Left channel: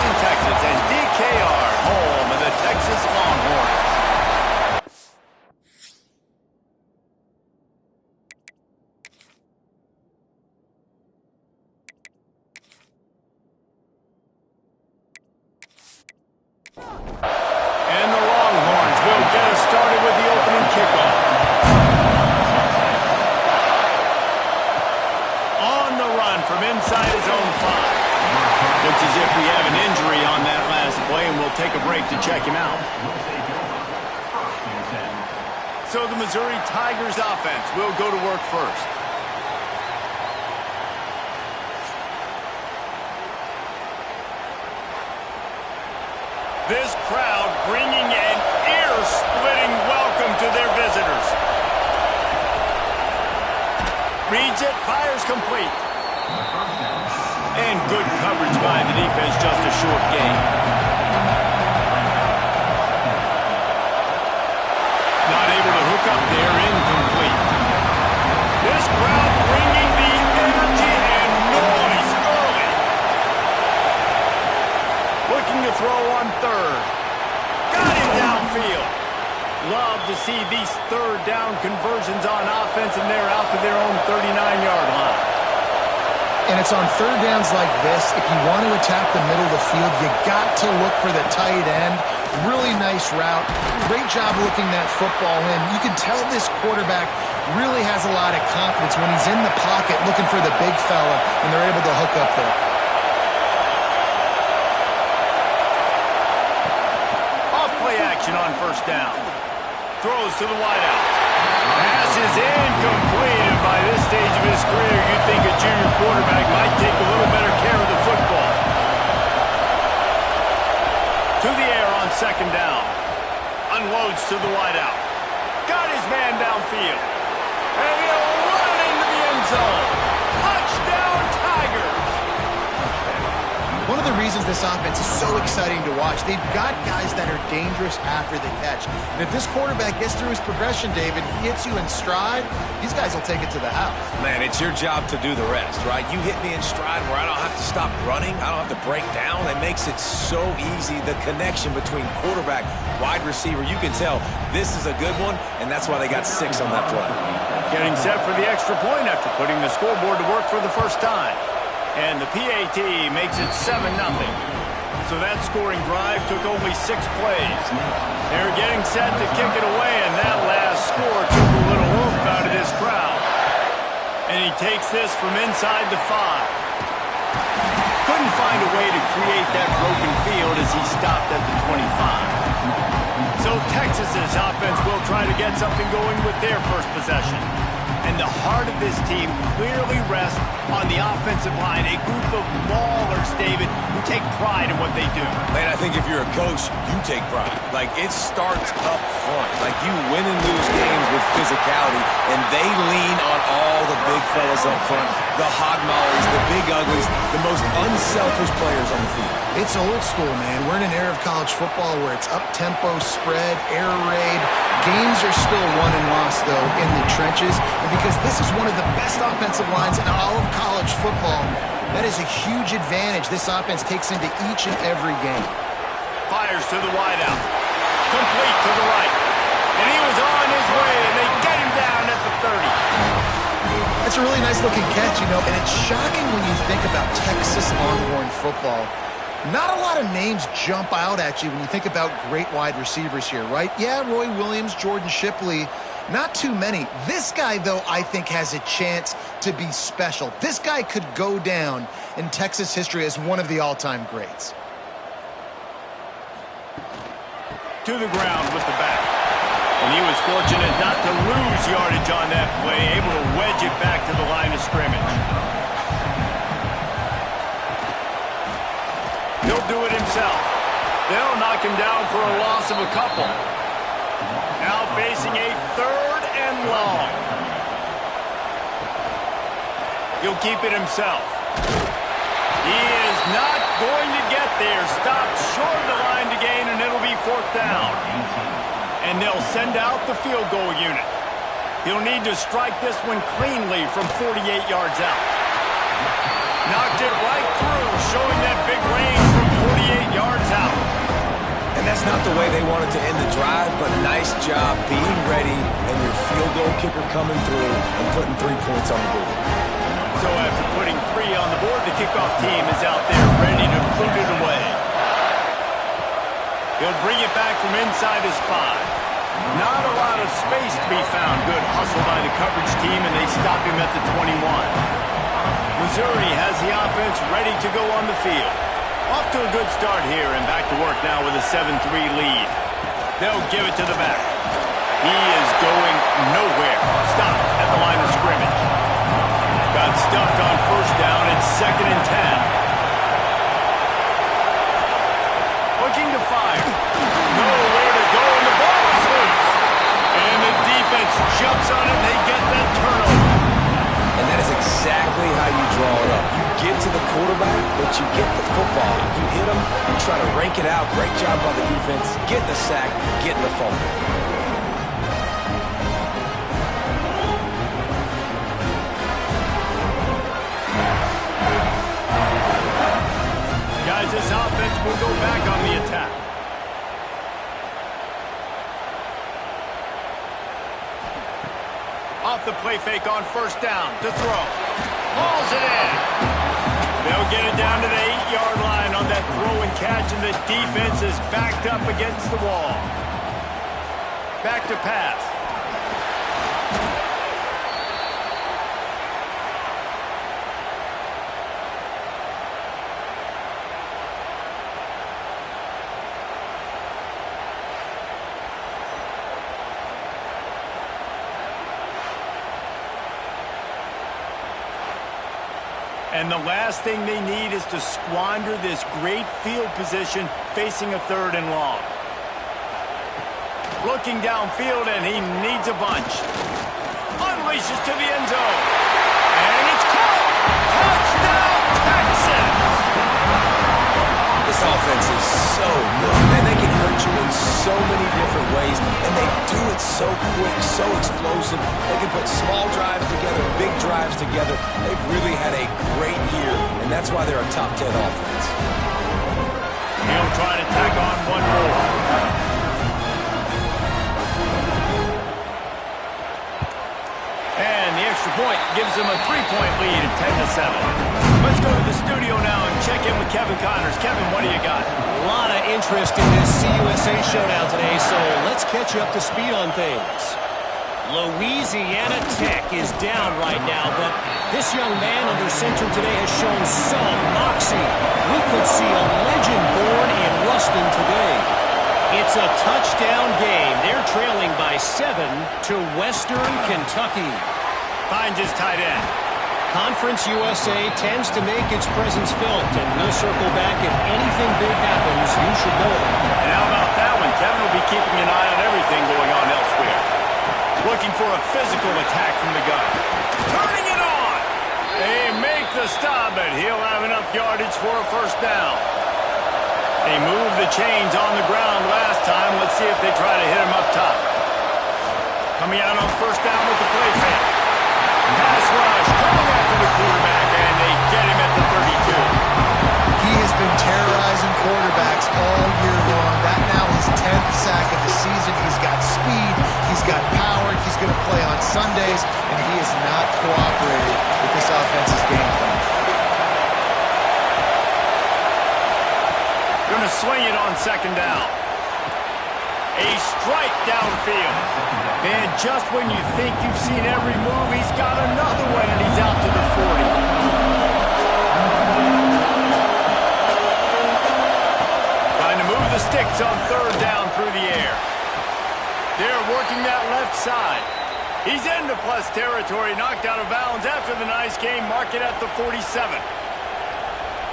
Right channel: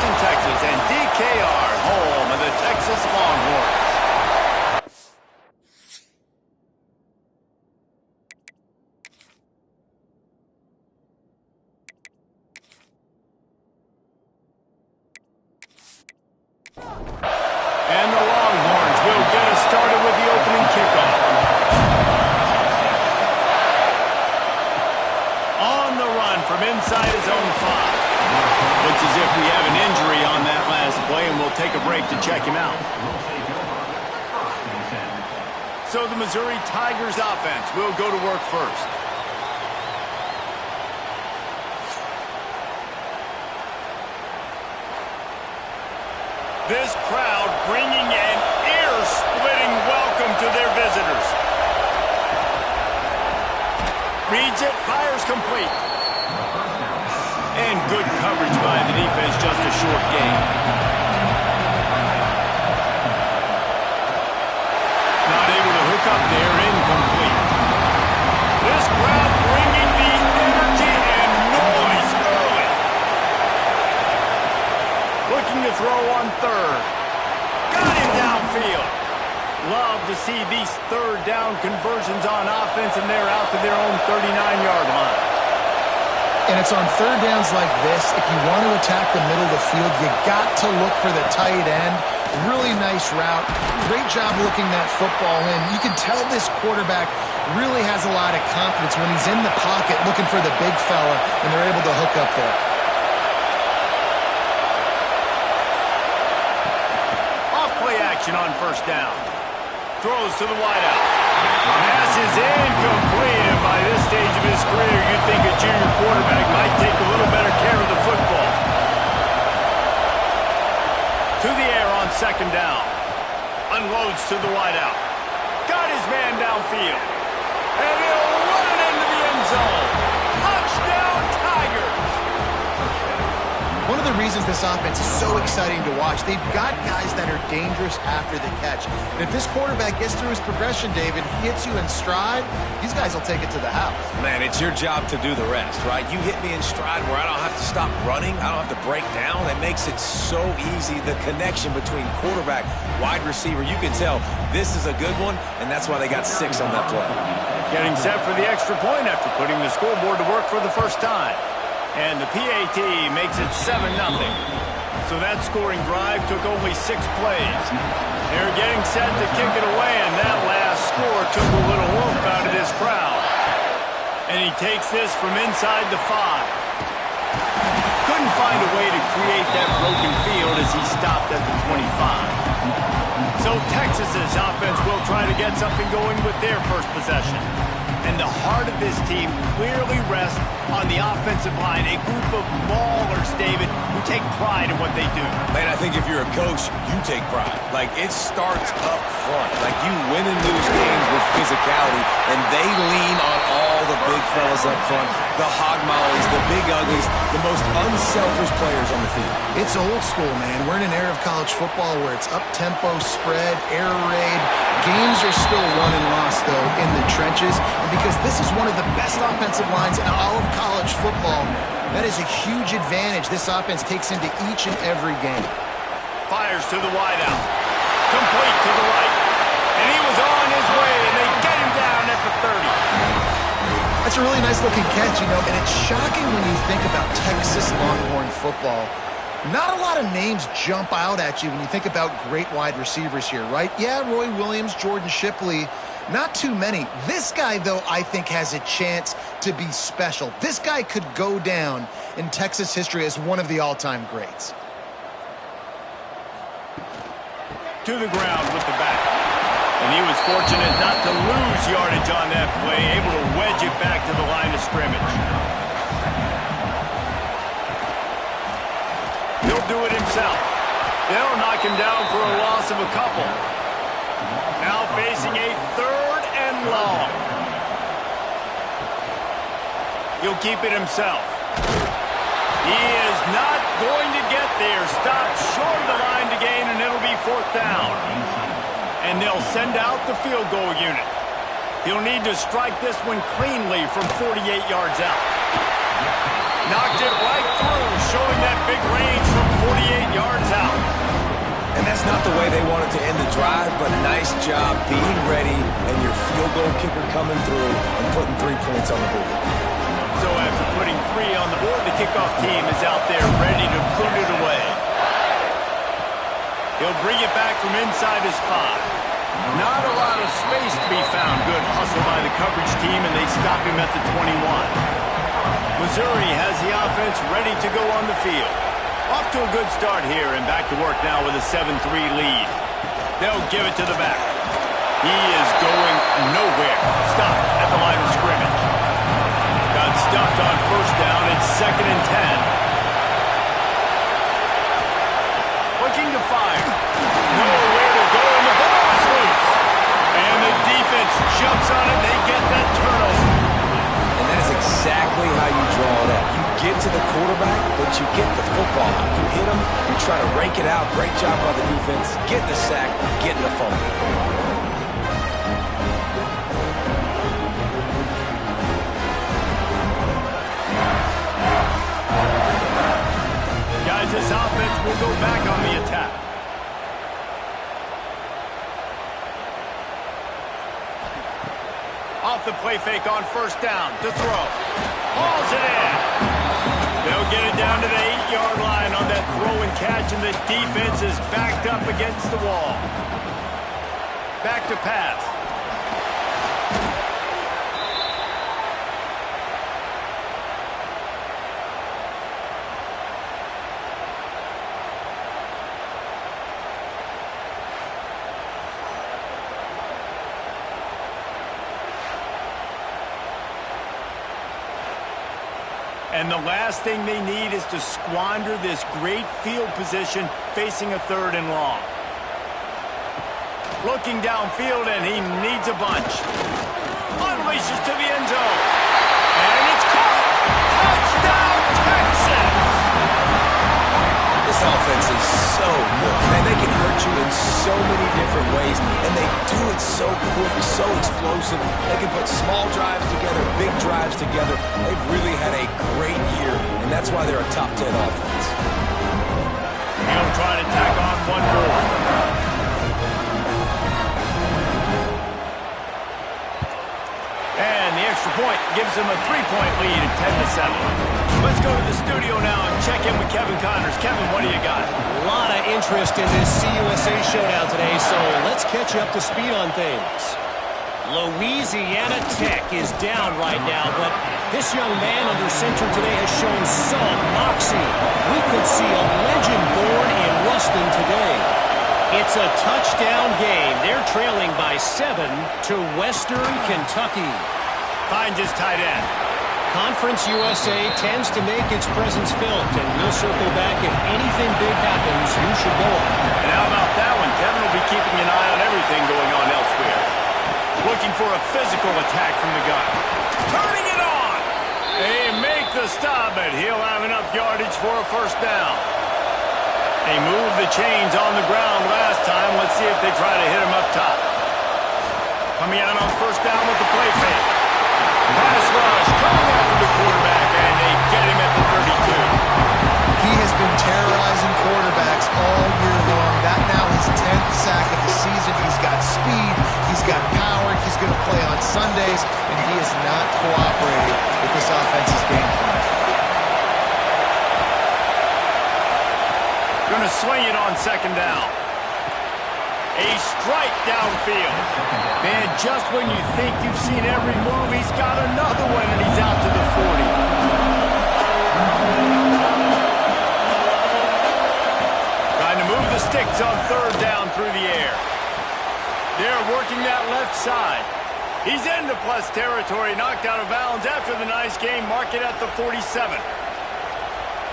Houston, Texas, and DKR, home of the Texas Longhorns. And the Longhorns will get us started with the opening kickoff. On the run from inside his own 5. Looks as if we have an injury on that last play, and we'll take a break to check him out. So the Missouri Tigers offense will go to work first. This crowd bringing an ear-splitting welcome to their visitors. Reads it, fires complete. And good coverage by the defense, just a short gain. Not able to hook up there, incomplete. This crowd bringing the energy and noise early. Looking to throw on third. Got him downfield. Love to see these third down conversions on offense, and they're out to their own 39-yard line. And it's on third downs like this, if you want to attack the middle of the field, you got to look for the tight end. Really nice route. Great job looking that football in. You can tell this quarterback really has a lot of confidence when he's in the pocket looking for the big fella, and they're able to hook up there. Off-play action on first down. Throws to the wideout. Pass is incomplete, and by this stage of his career, you'd think a junior quarterback might take a little better care of the football. To the air on second down. Unloads to the wideout. Got his man downfield. And he'll run it into the end zone. Touchdown, Tigers! One of the reasons this offense is so exciting to watch, they've got guys that are dangerous after the catch. And if this quarterback gets through his progression, David, he hits you in stride, these guys will take it to the house. Man, it's your job to do the rest, right? You hit me in stride where I don't have to stop running. I don't have to break down. It makes it so easy, the connection between quarterback, wide receiver. You can tell this is a good one, and that's why they got 6 on that play. Getting set for the extra point after putting the scoreboard to work for the first time. And the PAT makes it 7-0. So that scoring drive took only 6 plays. They're getting set to kick it away, and that last score took a little oomph out of this crowd. And he takes this from inside the 5. Couldn't find a way to create that broken field as he stopped at the 25. So Texas's offense will try to get something going with their first possession. And the heart of this team clearly rests on the offensive line, a group of maulers, David, who take pride in what they do. Man, I think if you're a coach, you take pride. Like, it starts up front. Like, you win and lose games with physicality, and they lean on all the big fellas up front, the hog mollies, the big uglies, the most unselfish players on the field. It's old school, man. We're in an era of college football where it's up-tempo, spread, air raid. Games are still won and lost, though, in the trenches. And because this is one of the best offensive lines in all of college football, that is a huge advantage this offense takes into each and every game. Fires to the wideout. Complete to the right. And he was on his way, and they get him down at the 30. That's a really nice-looking catch, you know, and it's shocking when you think about Texas Longhorn football. Not a lot of names jump out at you when you think about great wide receivers here, right? Yeah, Roy Williams, Jordan Shipley, not too many. This guy, though, I think has a chance to be special. This guy could go down in Texas history as one of the all-time greats. To the ground with the back. And he was fortunate not to lose yardage on that play, able to wedge it back to the line of scrimmage. He'll do it himself. They'll knock him down for a loss of a couple. Now facing a 3rd and long. He'll keep it himself. He is not going to get there. Stopped short of the line to gain, and it'll be 4th down. And they'll send out the field goal unit. He'll need to strike this one cleanly from 48 yards out. Knocked it right through, showing that big range from 48 yards out. And that's not the way they wanted to end the drive, but nice job being ready and your field goal kicker coming through and putting 3 points on the board. So after putting 3 on the board, the kickoff team is out there ready to boot it away. He'll bring it back from inside his 5. Not a lot of space to be found. Good hustle by the coverage team, and they stop him at the 21. Missouri has the offense ready to go on the field. Off to a good start here, and back to work now with a 7-3 lead. They'll give it to the back. He is going nowhere. Stop at the line of scrimmage. Got stuffed on first down. It's 2nd and 10. Looking to fire. Nowhere to go, and the ball is loose. And the defense jumps on it, and they get that turnover. And that is exactly how you draw it up. You get to the quarterback, but you get the football. You hit him, you try to rake it out. Great job by the defense. Getting the sack, getting the fumble. Guys, this offense will go back on the attack. Off the play fake on first down to throw. Hauls it in. They'll get it down to the 8-yard line on that throw and catch, and the defense is backed up against the wall. Back to pass. And the last thing they need is to squander this great field position facing a 3rd and long. Looking downfield, and he needs a bunch. Unleashes to the end zone. And it's caught! Touchdown, Texas! This offense is so good. Man, they can hurt you in so many different ways, and they do it so quick, so explosive. They can put small drives together, big drives together. They've really had a great year, and that's why they're a top 10 offense. He'll try to tack on one more. And the extra point gives them a 3-point lead at 10-7. Let's go to the studio now and check in with Kevin Connors. Kevin, what do you got? A lot of interest in this CUSA showdown today, so let's catch you up to speed on things. Louisiana Tech is down right now, but this young man under center today has shown some moxie. We could see a legend born in Ruston today. It's a touchdown game. They're trailing by 7 to Western Kentucky. Finds his tight end. Conference USA tends to make its presence felt, and we'll circle back if anything big happens. You should know it. And how about that one? Kevin will be keeping an eye on everything going on elsewhere. Looking for a physical attack from the gun. Turning it on! They make the stop, but he'll have enough yardage for a first down. They moved the chains on the ground last time. Let's see if they try to hit him up top. Coming out on first down with the play fake. Pass rush, coming after the quarterback, and they get him at the 32. He has been terrorizing quarterbacks all year long. That now his 10th sack of the season. He's got speed, he's got power, he's going to play on Sundays, and he is not cooperating with this offense's game plan. Going to swing it on second down. A strike downfield. Man, just when you think you've seen every move, he's got another one, and he's out to the 40. Trying to move the sticks on third down through the air. They're working that left side. He's into plus territory, knocked out of bounds after the nice game. Mark it at the 47.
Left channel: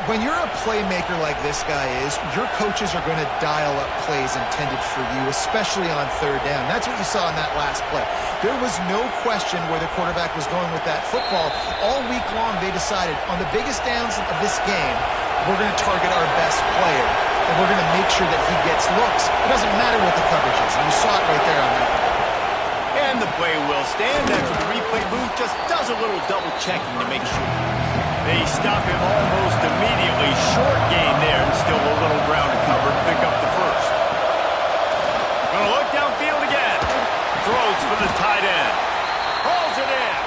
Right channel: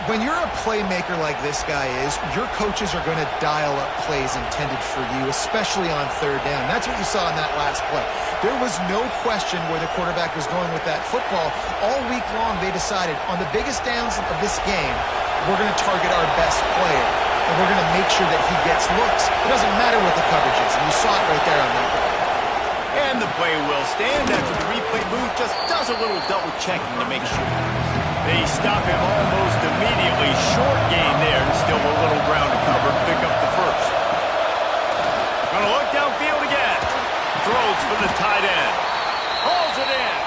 When you're a playmaker like this guy is, your coaches are going to dial up plays intended for you, especially on third down. That's what you saw in that last play. There was no question where the quarterback was going with that football. All week long, they decided on the biggest downs of this game, we're going to target our best player, and we're going to make sure that he gets looks. It doesn't matter what the coverage is, and you saw it right there on that play. And the play will stand after the replay booth just does a little double checking to make sure. They stop him almost immediately. Short gain there, and still a little ground to cover to pick up the first. Gonna look downfield again. Throws for the tight end. Hauls it in.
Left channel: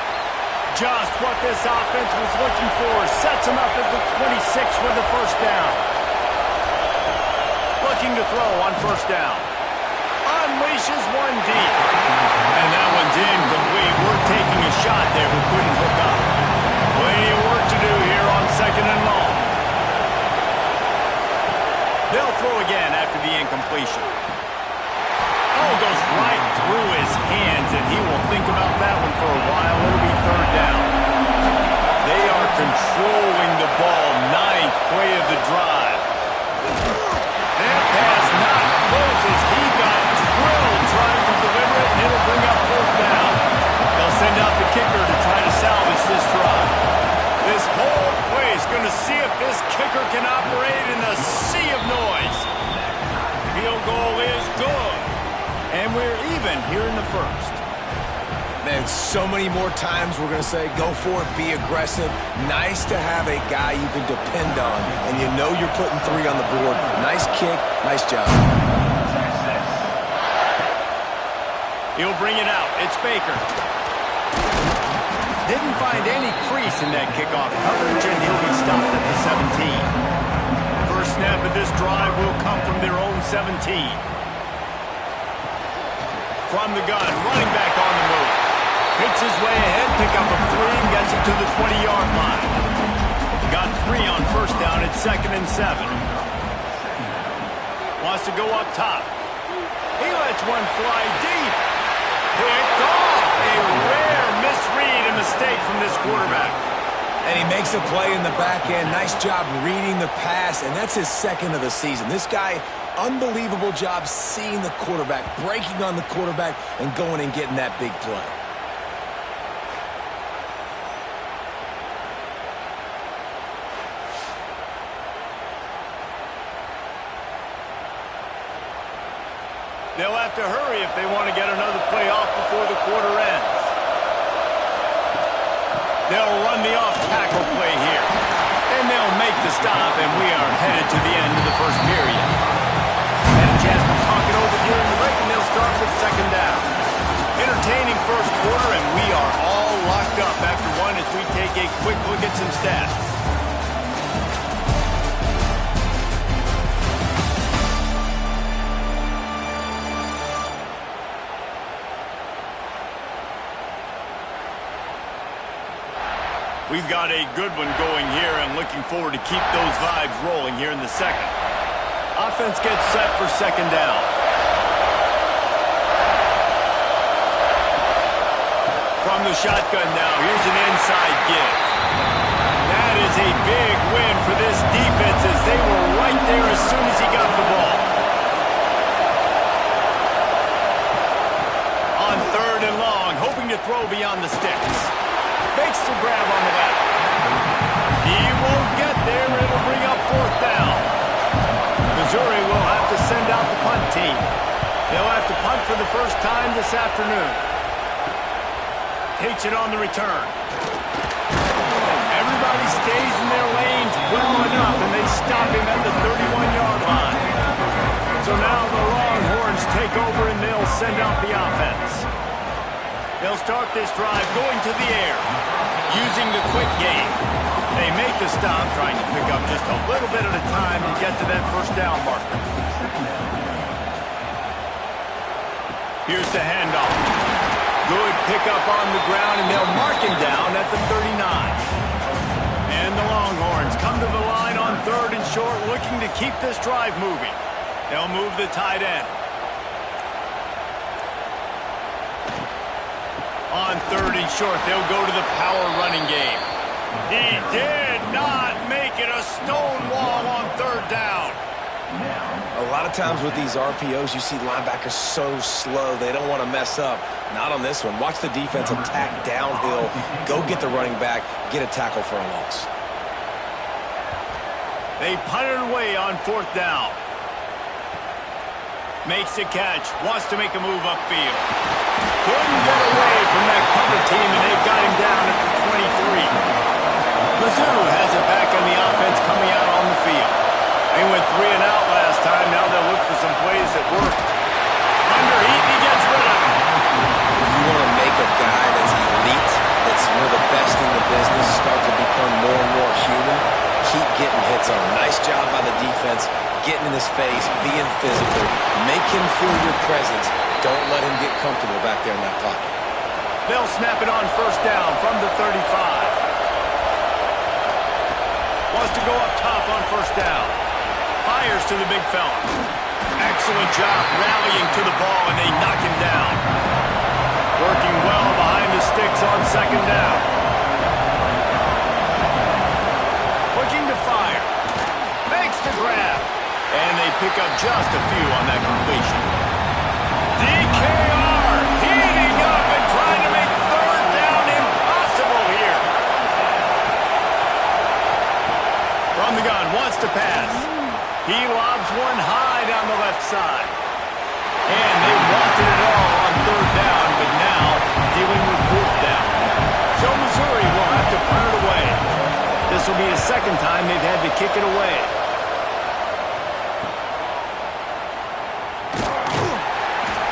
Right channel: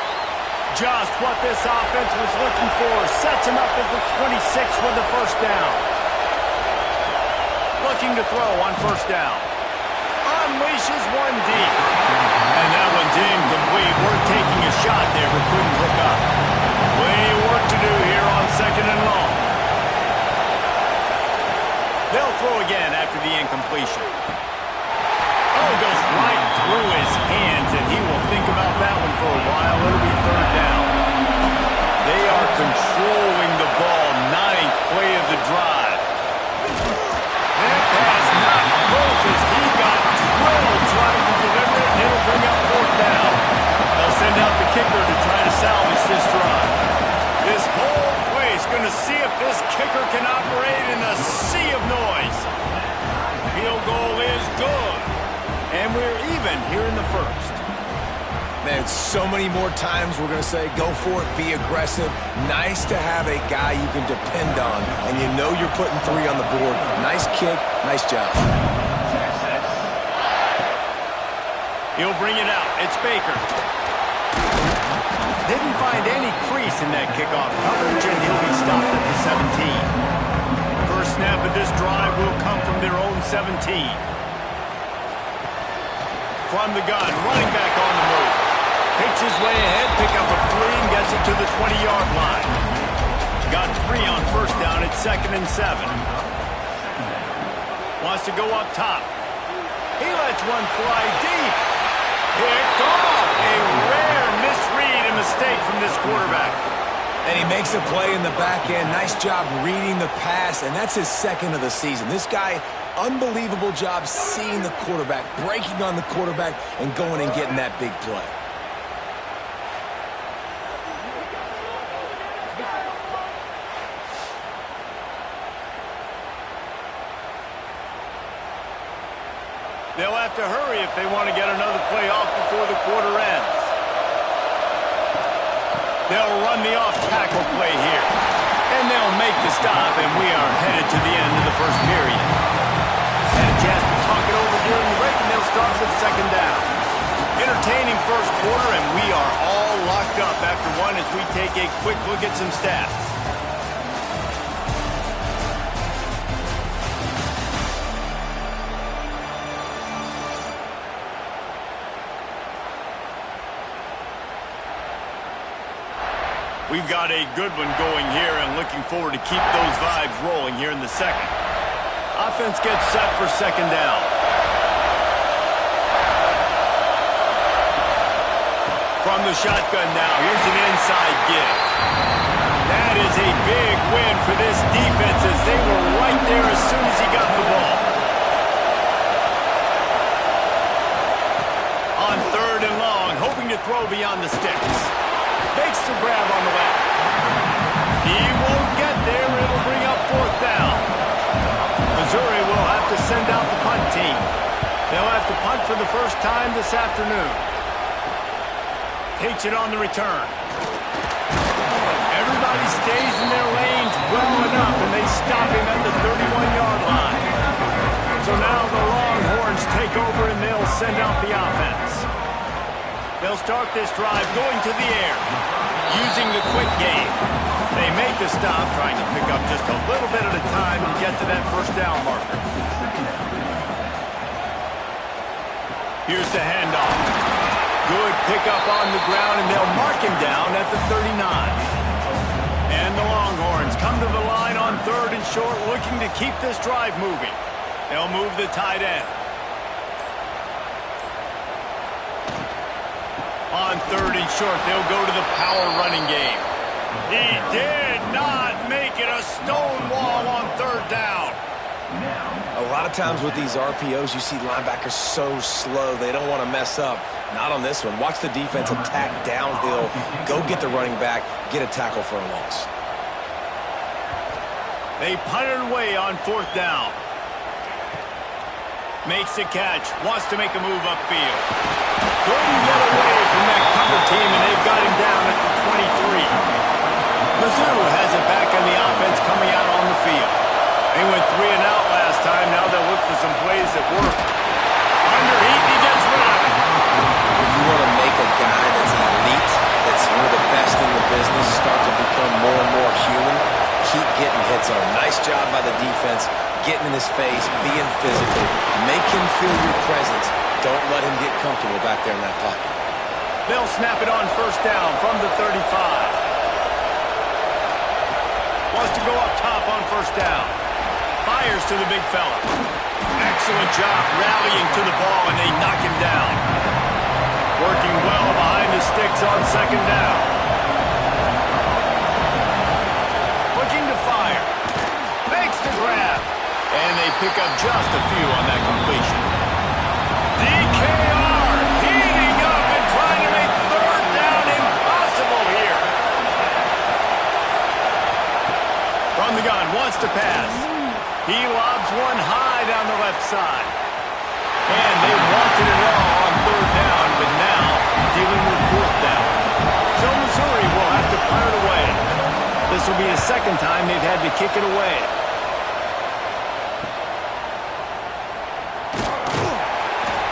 Just what this offense was looking for. Sets him up at the 26 with the first down. Looking to throw on first down. Unleashes one deep. And that one's incomplete. We're taking a shot there, but couldn't hook up. Plenty of work to do here on second and long. They'll throw again after the incompletion. Oh, goes right through his hands, and he will think about that one for a while. It'll be third down. They are controlling the ball. 9th play of the drive. That pass not close as he got drilled trying to deliver it, and it'll bring up fourth down. They'll send out the kicker to try to salvage this drive. This whole play is going to see if this kicker can operate in a sea of noise. Field goal is good. And we're even here in the first. Man, so many more times we're going to say, go for it, be aggressive. Nice to have a guy you can depend on, and you know you're putting 3 on the board. Nice kick, nice job. He'll bring it out. It's Baker. Didn't find any crease in that kickoff coverage, and he'll be stopped at the 17. First snap of this drive will come from their own 17. From the gun, running back on the move. Picks his way ahead, pick up a 3, and gets it to the 20-yard line. Got 3 on first down at 2nd and 7. Wants to go up top. He lets one fly deep. Picked off. A rare misread and mistake from this quarterback. And he makes a play in the back end. Nice job reading the pass, and that's his 2nd of the season. This guy, unbelievable job seeing the quarterback, breaking on the quarterback, and going and getting that big play. They'll have to hurry if they want to get another play off before the quarter ends. They'll run the off-tackle play here. And they'll make the stop, and we are headed to the end of the first period. Had a chance to talk it over during the break, and they'll start with second down. Entertaining first quarter, and we are all locked up after one as we take a quick look at some stats. We've got a good one going here and looking forward to keep those vibes rolling here in the second. Offense gets set for second down. From the shotgun now, here's an inside give. That is a big win for this defense as they were right there as soon as he got the ball. On third and long, hoping to throw beyond the sticks. Makes the grab on the left. He won't get there. It'll bring up fourth down. Missouri will have to send out the punt team. They'll have to punt for the first time this afternoon. Takes it on the return. Everybody stays in their lanes well enough, and they stop him at the 31-yard line. So now the Longhorns take over, and they'll send out the offense. They'll start this drive going to the air, using the quick game. They make the stop, trying to pick up just a little bit at a time to get to that first down marker. Here's the handoff. Good pickup on the ground, and they'll mark him down at the 39. And the Longhorns come to the line on third and short, looking to keep this drive moving. They'll move the tight end. On third and short, they'll go to the power running game. He did not make it a stone wall on third down. A lot of times with these RPOs, you see linebackers so slow, they don't want to mess up. Not on this one. Watch the defense attack downhill, go get the running back, get a tackle for a loss. They punted away on fourth down. Makes the catch, wants to make a move upfield. Couldn't get away from that cover team, and they've got him Mizzou has it back on the offense coming out on the field. They went 3 and out last time. Now they'll look for some plays that work. Under heat, he gets rid of it. You want to make a guy that's elite, that's one of the best in the business, start to become more and more human, keep getting hits on him. Nice job by the defense, getting in his face, being physical. Make him feel your presence. Don't let him get comfortable back there in that pocket. They'll snap it on first down from the 35. Wants to go up top on first down. Fires to the big fella. Excellent job rallying to the ball, and they knock him down. Working well behind the sticks on second down. Looking to fire. Makes the grab. And they pick up just a few on that completion. DKR heating up and trying to make third down impossible here. From the gun, wants to pass. He lobs one high down the left side. And they wanted it all on third down, but now dealing with fourth down. So Missouri will have to punt it away. This will be the second time they've had to kick it away.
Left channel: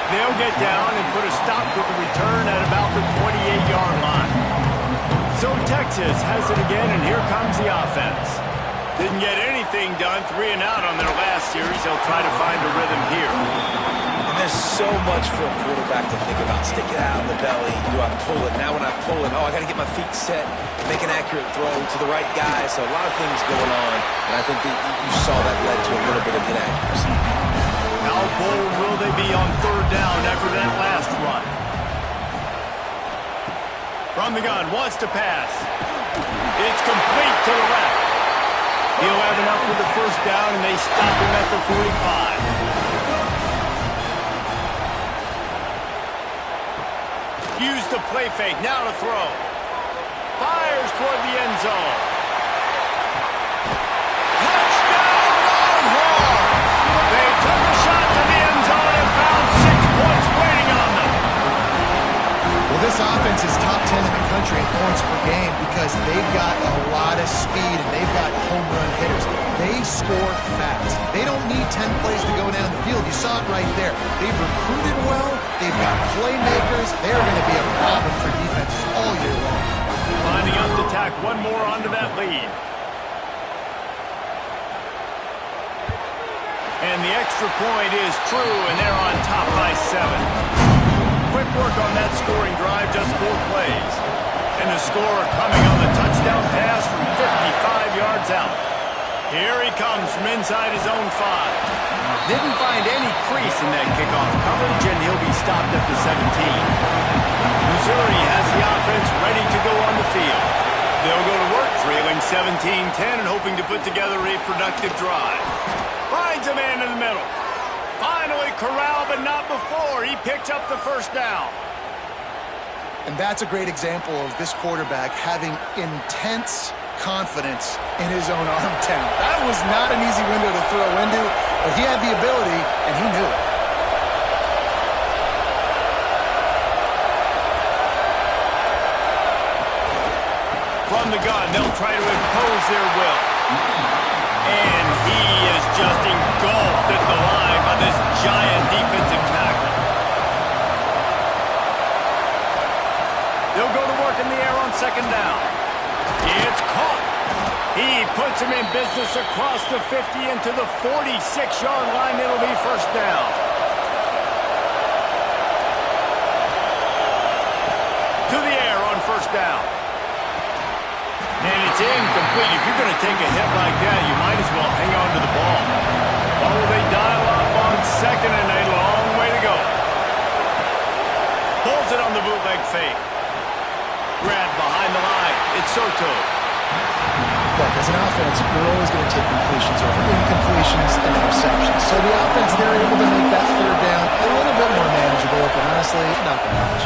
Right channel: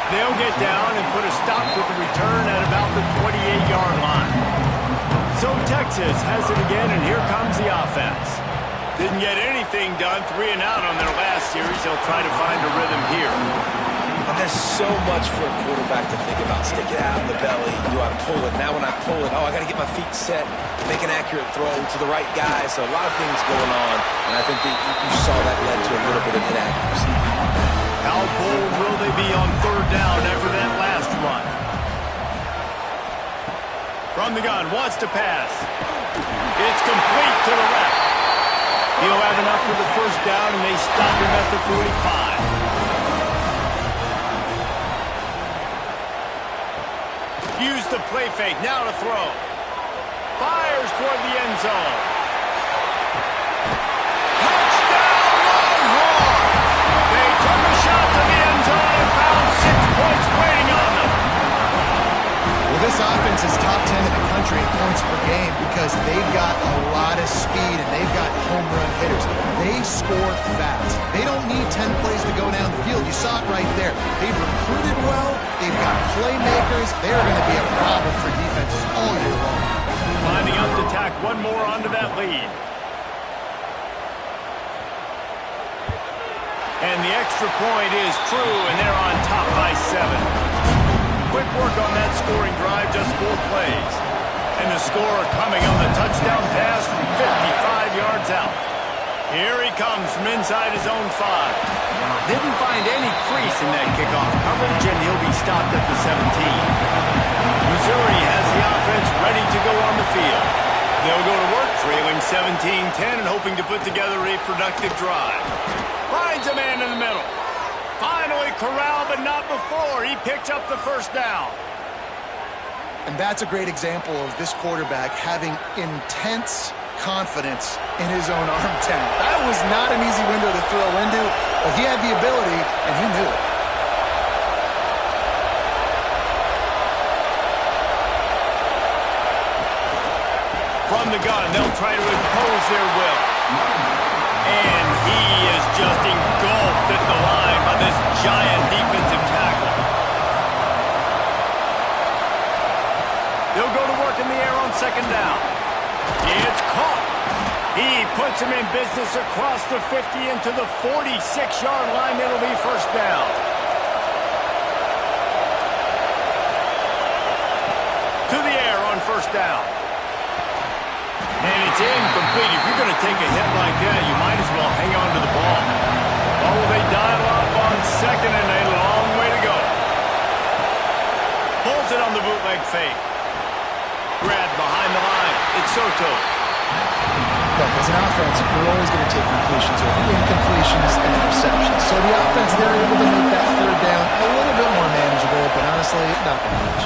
They'll get down and put a stop to the return at about the 28-yard line. So Texas has it again, and here comes the offense. Didn't get anything done, 3 and out on their last series. They'll try to find a rhythm here. And there's so much for a quarterback to think about. Stick it out in the belly. Do I pull it? Now when I pull it, I got to get my feet set, make an accurate throw to the right guy. So a lot of things going on, and I think that you saw that led to a little bit of inaccuracy. How bold will they be on third down after that last run? From the gun, wants to pass. It's complete to the left. He'll have enough for the first down, and they stop him at the 45. Use the play fake. Now to throw. Fires toward the end zone. Touchdown, Longhorns! They took a shot to the end zone and found 6 points waiting on them. Well, this offense is top 10 in the country in points per game because they've got a lot of speed and they've got home run hitters. They score fast. They don't need 10 plays to go down the field. You saw it right there. They've recruited well. They've got playmakers. They're going to be a problem for defenses all year long. Lining up to tack one more onto that lead. And the extra point is true, and they're on top by 7. Quick work on that scoring drive, just 4 plays. And the score coming on the touchdown pass from 55 yards out. Here he comes from inside his own 5. Didn't find any crease in that kickoff coverage, and he'll be stopped at the 17. Missouri has the offense ready to go on the field. They'll go to work, trailing 17-10 and hoping to put together a productive drive. Finds a man in the middle. Finally corralled, but not before. He picks up the first down. And that's a great example of this quarterback having intense confidence in his own arm talent. That was not an easy window to throw into, but he had the ability, and he knew it. From the gun, they'll try to impose their will. And he is just engulfed at the line by this giant defensive tackle. They'll go to work in the air on second down. It's caught. He puts him in business across the 50 into the 46-yard line. It'll be first down. To the air on first down. And it's incomplete. If you're going to take a hit like that, you might as well hang on to the ball. Well, will they dial up on second and a long way to go? Pulls it on the bootleg fake. Grab behind the line. It's Soto. Look, as an offense, you're always going to take completions over incompletions and interceptions. So the offense, they're able to make that third down a little bit more manageable, but honestly, not going to match.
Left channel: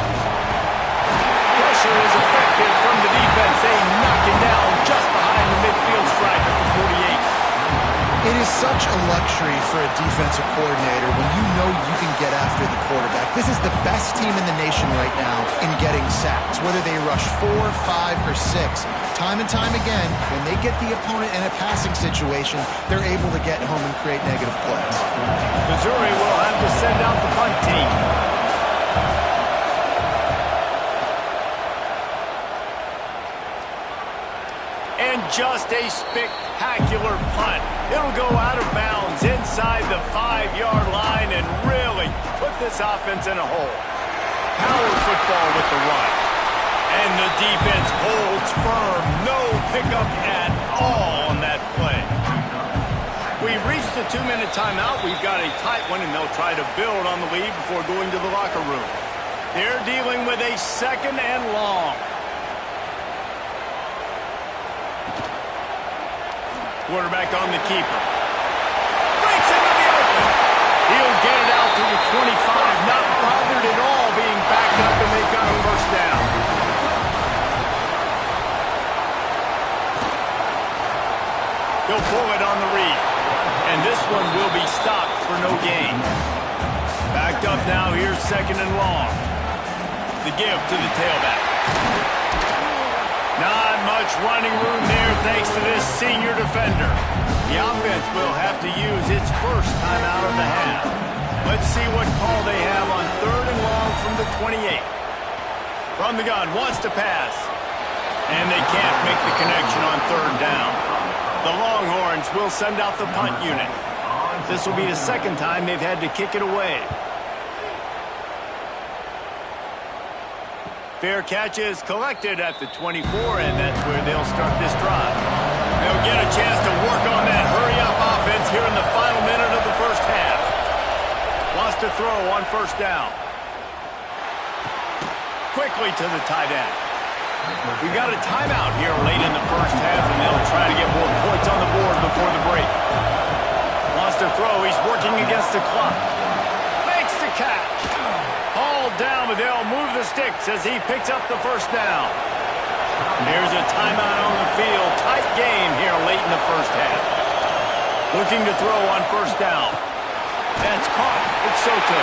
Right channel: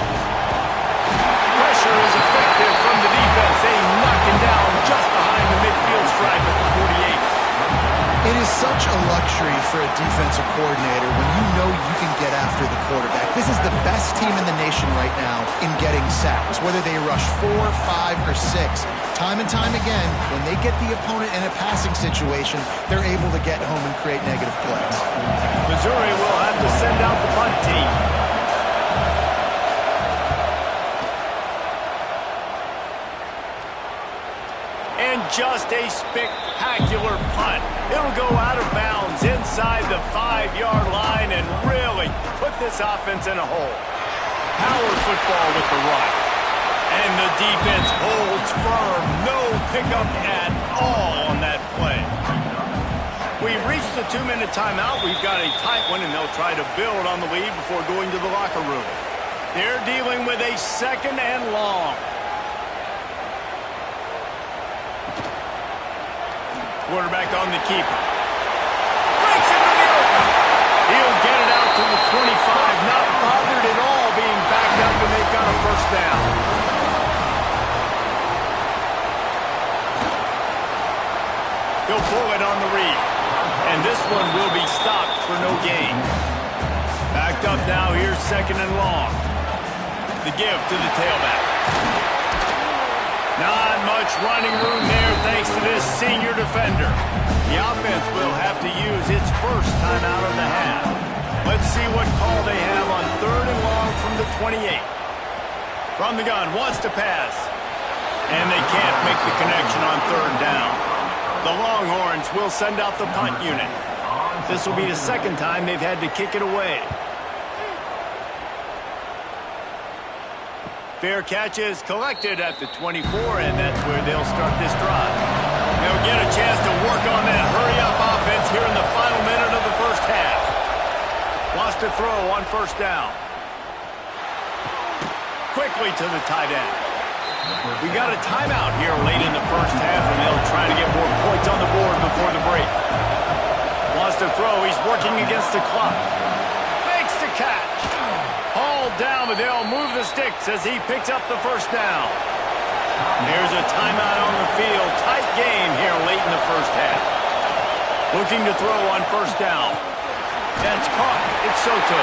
Pressure is effective from the defense. They knock him down just behind the midfield stripe at the 48. It is such a luxury for a defensive coordinator when you know you can get after the quarterback. This is the best team in the nation right now in getting sacks, whether they rush 4, 5, or 6. Time and time again, when they get the opponent in a passing situation, they're able to get home and create negative plays. Missouri will have to send out the punt team. And just a spectacular punt. It'll go out of bounds inside the 5-yard line and really put this offense in a hole. Power football with the run. And the defense holds firm. No pickup at all on that play. We've reached the 2-minute timeout. We've got a tight one, and they'll try to build on the lead before going to the locker room. They're dealing with a 2nd and long. Quarterback on the keeper. Breaks into the open. He'll get it out to the 25. Not bothered at all being backed up, and they've got a first down. He'll pull it on the read. And this one will be stopped for no gain. Backed up now. Here's 2nd and long. The give to the tailback. Not much running room there thanks to this senior defender. The offense will have to use its first timeout of the half. Let's see what call they have on 3rd and long from the 28. From the gun, wants to pass. And they can't make the connection on 3rd down. The Longhorns will send out the punt unit. This will be the 2nd time they've had to kick it away. Fair catch is collected at the 24, and that's where they'll start this drive. They'll get a chance to work on that hurry-up offense here in the final minute of the first half. Wants to throw on 1st down. Quickly to the tight end. We got a timeout here late in the first half, and they'll try to get more points on the board before the break. Wants to throw. He's working against the clock. Makes the catch. Hauled down, but they'll move the sticks as he picks up the first down. There's a timeout on the field. Tight game here late in the first half. Looking to throw on 1st down. That's caught. It's Soto.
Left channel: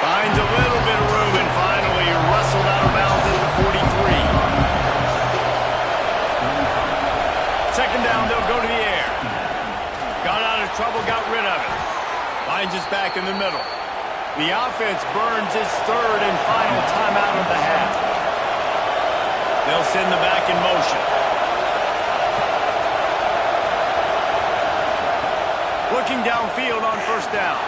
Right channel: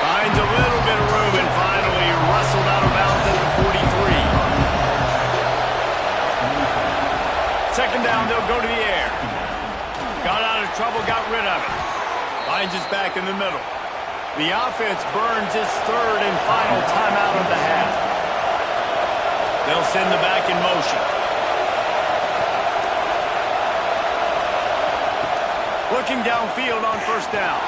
Finds a little bit of room and finally wrestled out of bounds at the 43. 2nd down, they'll go to the air. Got out of trouble, got rid of it. Finds us back in the middle. The offense burns its 3rd and final timeout of the half. They'll send the back in motion. Looking downfield on 1st down.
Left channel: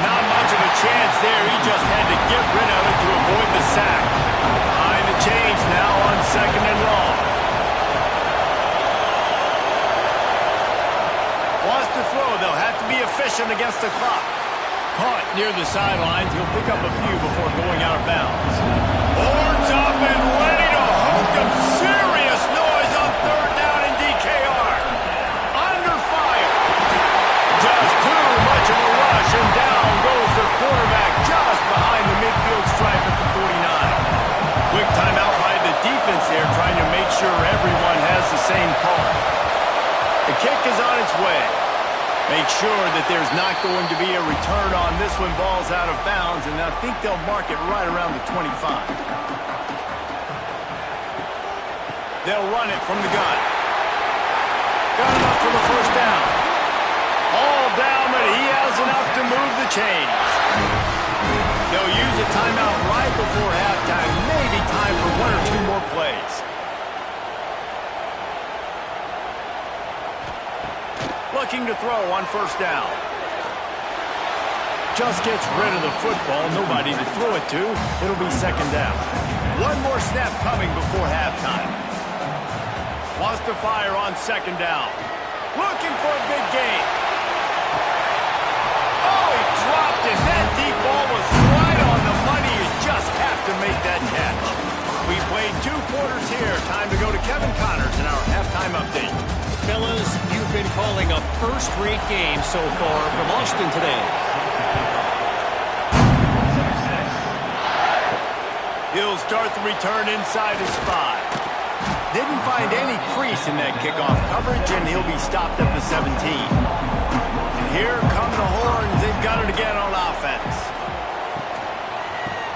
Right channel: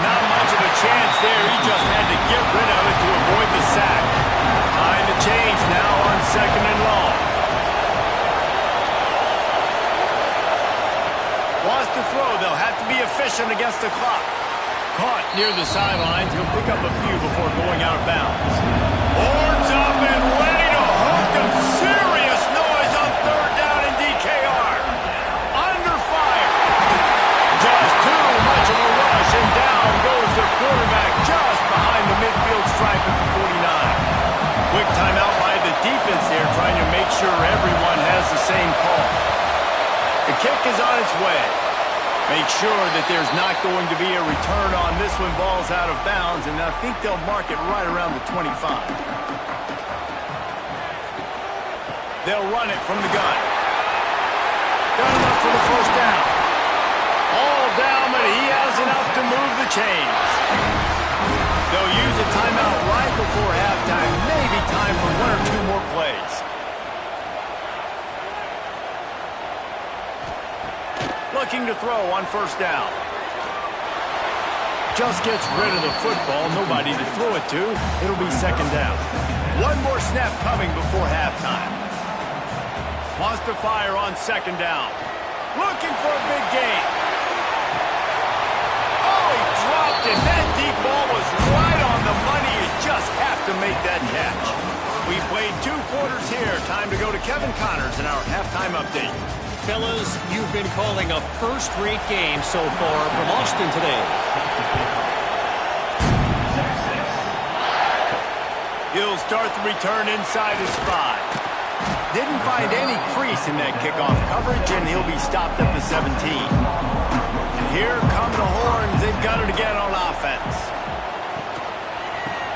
Not much of a chance there. He just had to get rid of it to avoid the sack. Behind the chains now on 2nd and long. Wants to throw. They'll have to be efficient against the clock. Caught near the sidelines. He'll pick up a few before going out of bounds. Horns up and ready to hook him. Serious noise on 3rd down in DKR. Under fire. Just too much of a rush, and down goes the quarterback just behind the midfield stripe at the 49. Quick timeout by the defense there, trying to make sure everyone has the same call. The kick is on its way. Make sure that there's not going to be a return on this when ball's out of bounds, and I think they'll mark it right around the 25. They'll run it from the gun. Got enough for the 1st down. All down, but he has enough to move the chains. They'll use a timeout right before halftime. Maybe time for 1 or 2 more plays. Looking to throw on 1st down. Just gets rid of the football. Nobody to throw it to. It'll be 2nd down. 1 more snap coming before halftime. Wants to fire on 2nd down. Looking for a big gain. Oh, he dropped it. That deep ball was right on the money. You just have to make that catch. We played 2 quarters here. Time to go to Kevin Connors in our halftime update. Fellas, you've been calling a first-rate game so far from Austin today. He'll start the return inside his 5. Didn't find any crease in that kickoff coverage, and he'll be stopped at the 17. And here come the horns. They've got it again on offense.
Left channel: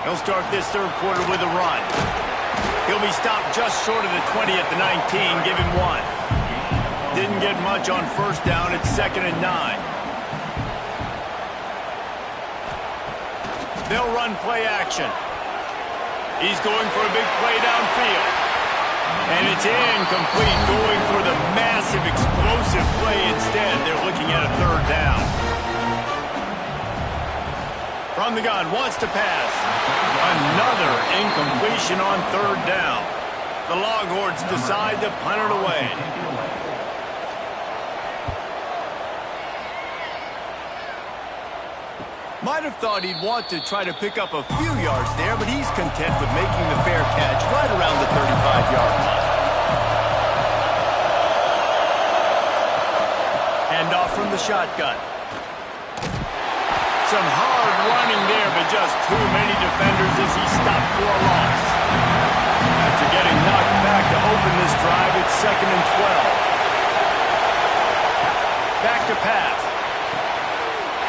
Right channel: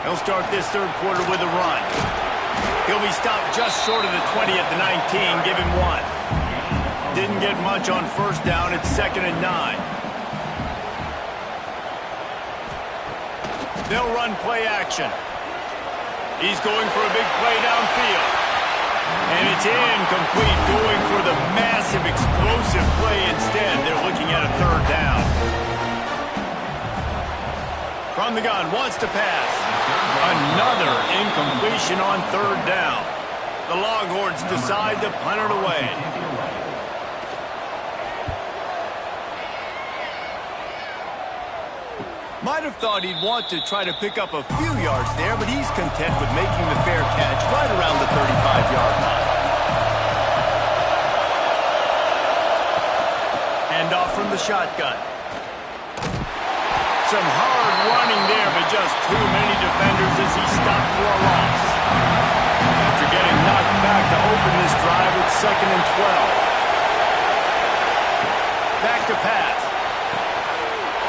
He'll start this third quarter with a run. He'll be stopped just short of the 20 at the 19. Give him 1. Didn't get much on first down. It's 2nd and 9. They'll run play action. He's going for a big play downfield. And it's incomplete, going for the massive, explosive play instead. They're looking at a 3rd down. From the gun, wants to pass. Another incompletion on 3rd down. The Longhorns decide to punt it away. Might have thought he'd want to try to pick up a few yards there, but he's content with making the fair catch right around the 35-yard line. Handoff from the shotgun. Some hard running there, but just too many defenders as he stopped for a loss. After getting knocked back to open this drive, it's 2nd and 12. Back to pass.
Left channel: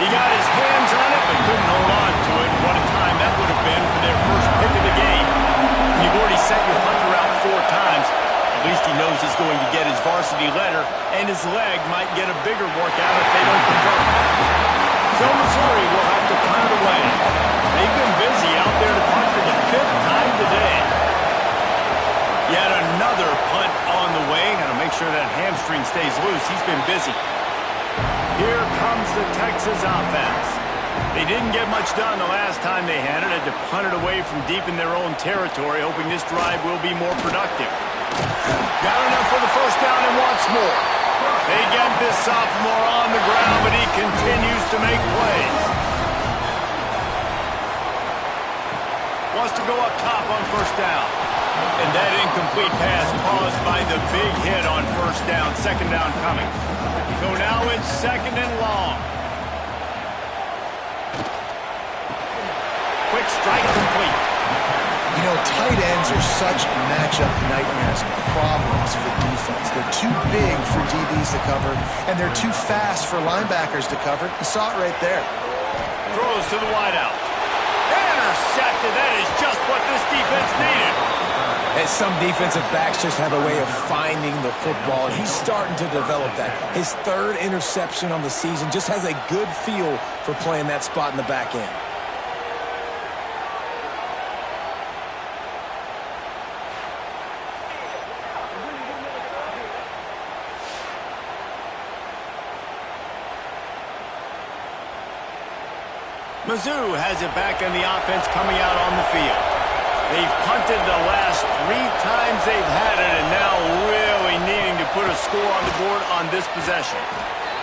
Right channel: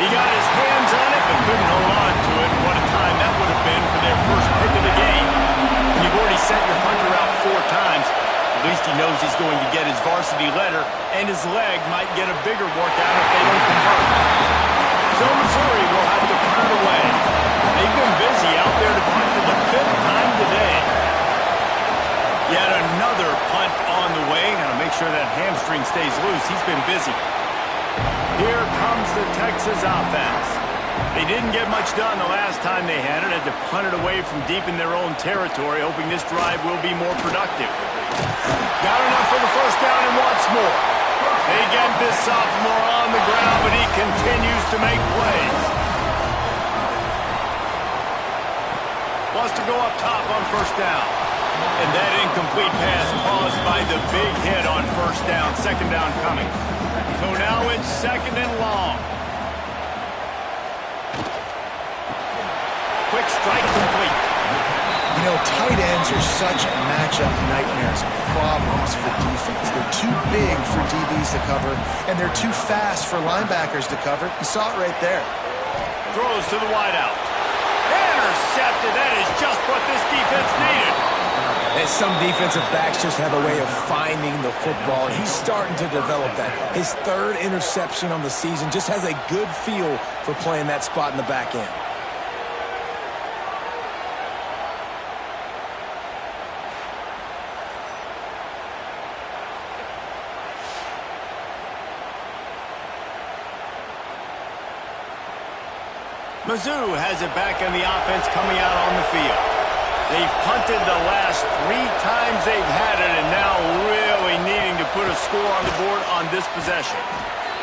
He got his hands on it, but couldn't hold on to it. What a time that would have been for their first pick of the game. When you've already sent your punter out 4 times, at least he knows he's going to get his varsity letter, and his leg might get a bigger workout if they don't convert. So Missouri will have to punt it away. They've been busy out there to punt for the 5th time today. Yet another punt on the way. Got to make sure that hamstring stays loose. He's been busy. Here comes the Texas offense. They didn't get much done the last time they had it. Had to punt it away from deep in their own territory, hoping this drive will be more productive. Got enough for the first down and wants more. They get this sophomore on the ground, but he continues to make plays. Wants to go up top on first down. And that incomplete pass caused by the big hit on first down. 2nd down coming. So now it's 2nd and long. Quick strike complete. You know, tight ends are such matchup nightmares and problems for defense. They're too big for DBs to cover, and they're too fast for linebackers to cover. You saw it right there. Throws to the wideout. Intercepted. That is just what this defense needed. And some defensive backs just have a way of finding the football. He's starting to develop that. His 3rd interception on the season, just has a good feel for playing that spot in the back end. Mizzou has it back in the offense coming out on the field. They've punted the last 3 times they've had it, and now really needing to put a score on the board on this possession.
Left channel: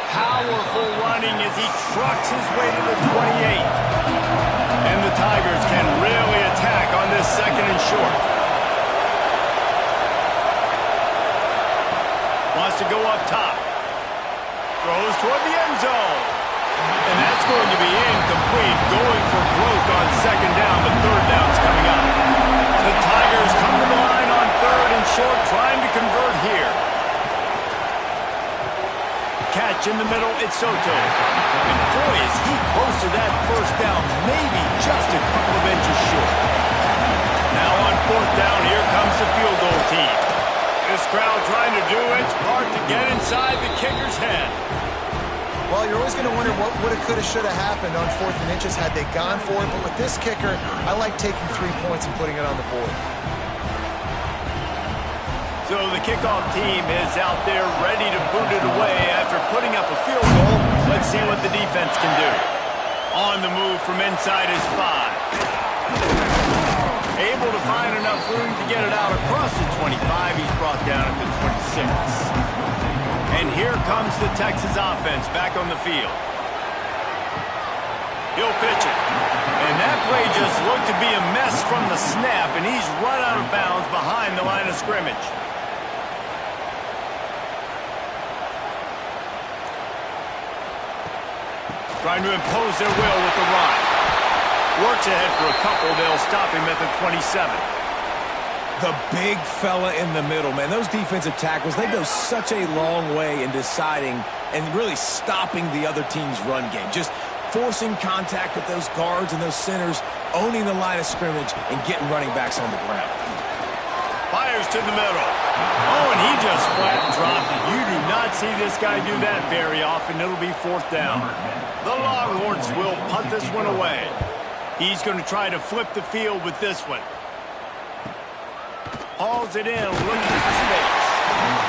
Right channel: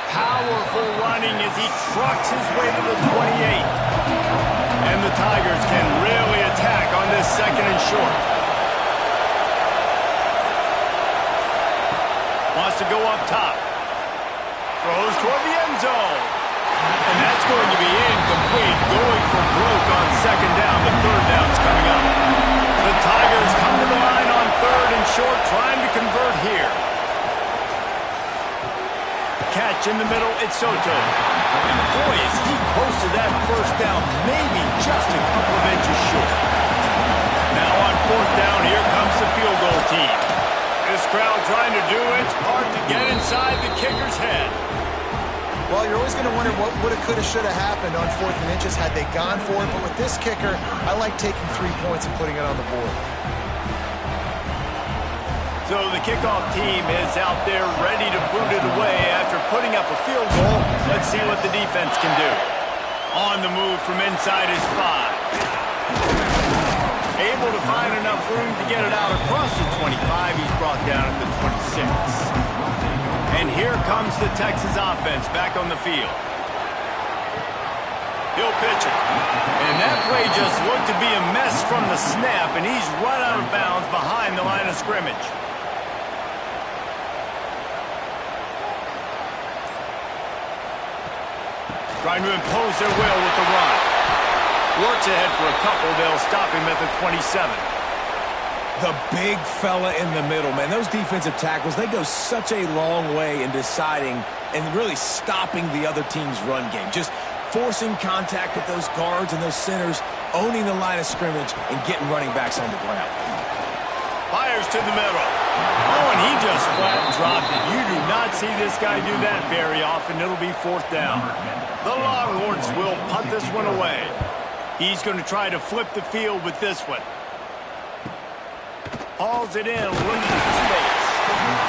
Powerful running as he trucks his way to the 28. And the Tigers can really attack on this 2nd and short. Wants to go up top. Throws toward the end zone. And that's going to be incomplete. Going for broke on 2nd down, but 3rd down's coming up. The Tigers come to the line on 3rd and short, trying to convert here. Catch in the middle, it's Soto. And boy, is he close to that first down, maybe just a couple of inches short. Now on 4th down, here comes the field goal team. This crowd trying to do its part to get inside the kicker's head. Well, you're always going to wonder what woulda, coulda, shoulda happened on 4th and inches had they gone for it. But with this kicker, I like taking 3 points and putting it on the board. So the kickoff team is out there ready to boot it away after putting up a field goal. Let's see what the defense can do. On the move from inside his 5. Able to find enough room to get it out across the 25. He's brought down at the 26. And here comes the Texas offense back on the field. He'll pitch it. And that play just looked to be a mess from the snap, and he's run out of bounds behind the line of scrimmage. Trying to impose their will with the run. Works ahead for a couple. They'll stop him at the 27. The big fella in the middle, man. Those defensive tackles, they go such a long way in deciding and really stopping the other team's run game. Just forcing contact with those guards and those centers, owning the line of scrimmage, and getting running backs on the ground. Fires to the middle. Oh, and he just flat dropped it. You do not see this guy do that very often. It'll be 4th down. The Longhorns will punt this one away. He's going to try to flip the field with this one. Hauls it in, looking for space.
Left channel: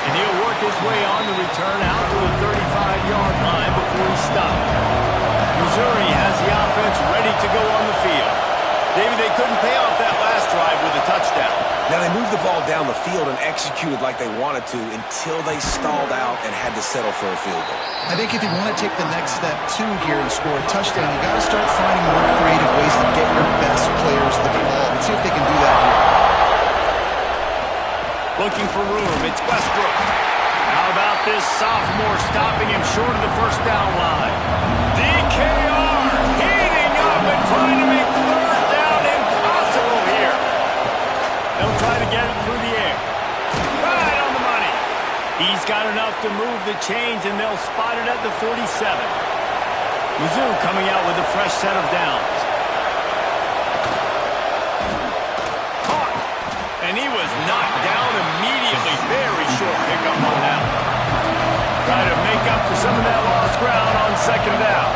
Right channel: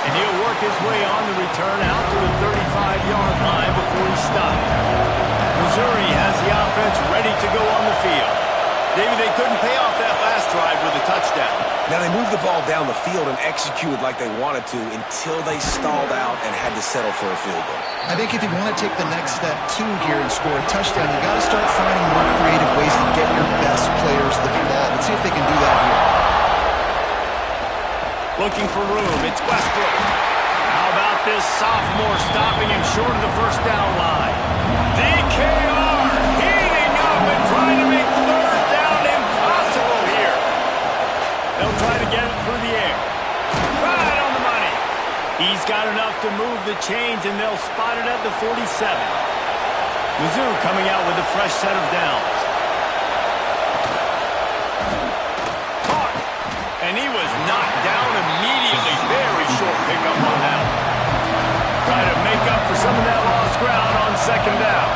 And he'll work his way on the return out to the 35-yard line before he stopped. Missouri has the offense ready to go on the field. David, they couldn't pay off that last drive with a touchdown. Now, they moved the ball down the field and executed like they wanted to until they stalled out and had to settle for a field goal. I think if you want to take the next step, too, here and score a touchdown, you got to start finding more creative ways to get your best players the ball. Let's see if they can do that here. Looking for room. It's Westbrook. How about this sophomore stopping him short of the first down line? DKR heating up and trying to make 3rd down impossible here. They'll try to get it through the air. Right on the money. He's got enough to move the chains, and they'll spot it at the 47. Mizzou coming out with a fresh set of downs. Caught. And he was knocked down immediately. Very short pickup on that. Try to make up for some of that lost ground on 2nd down.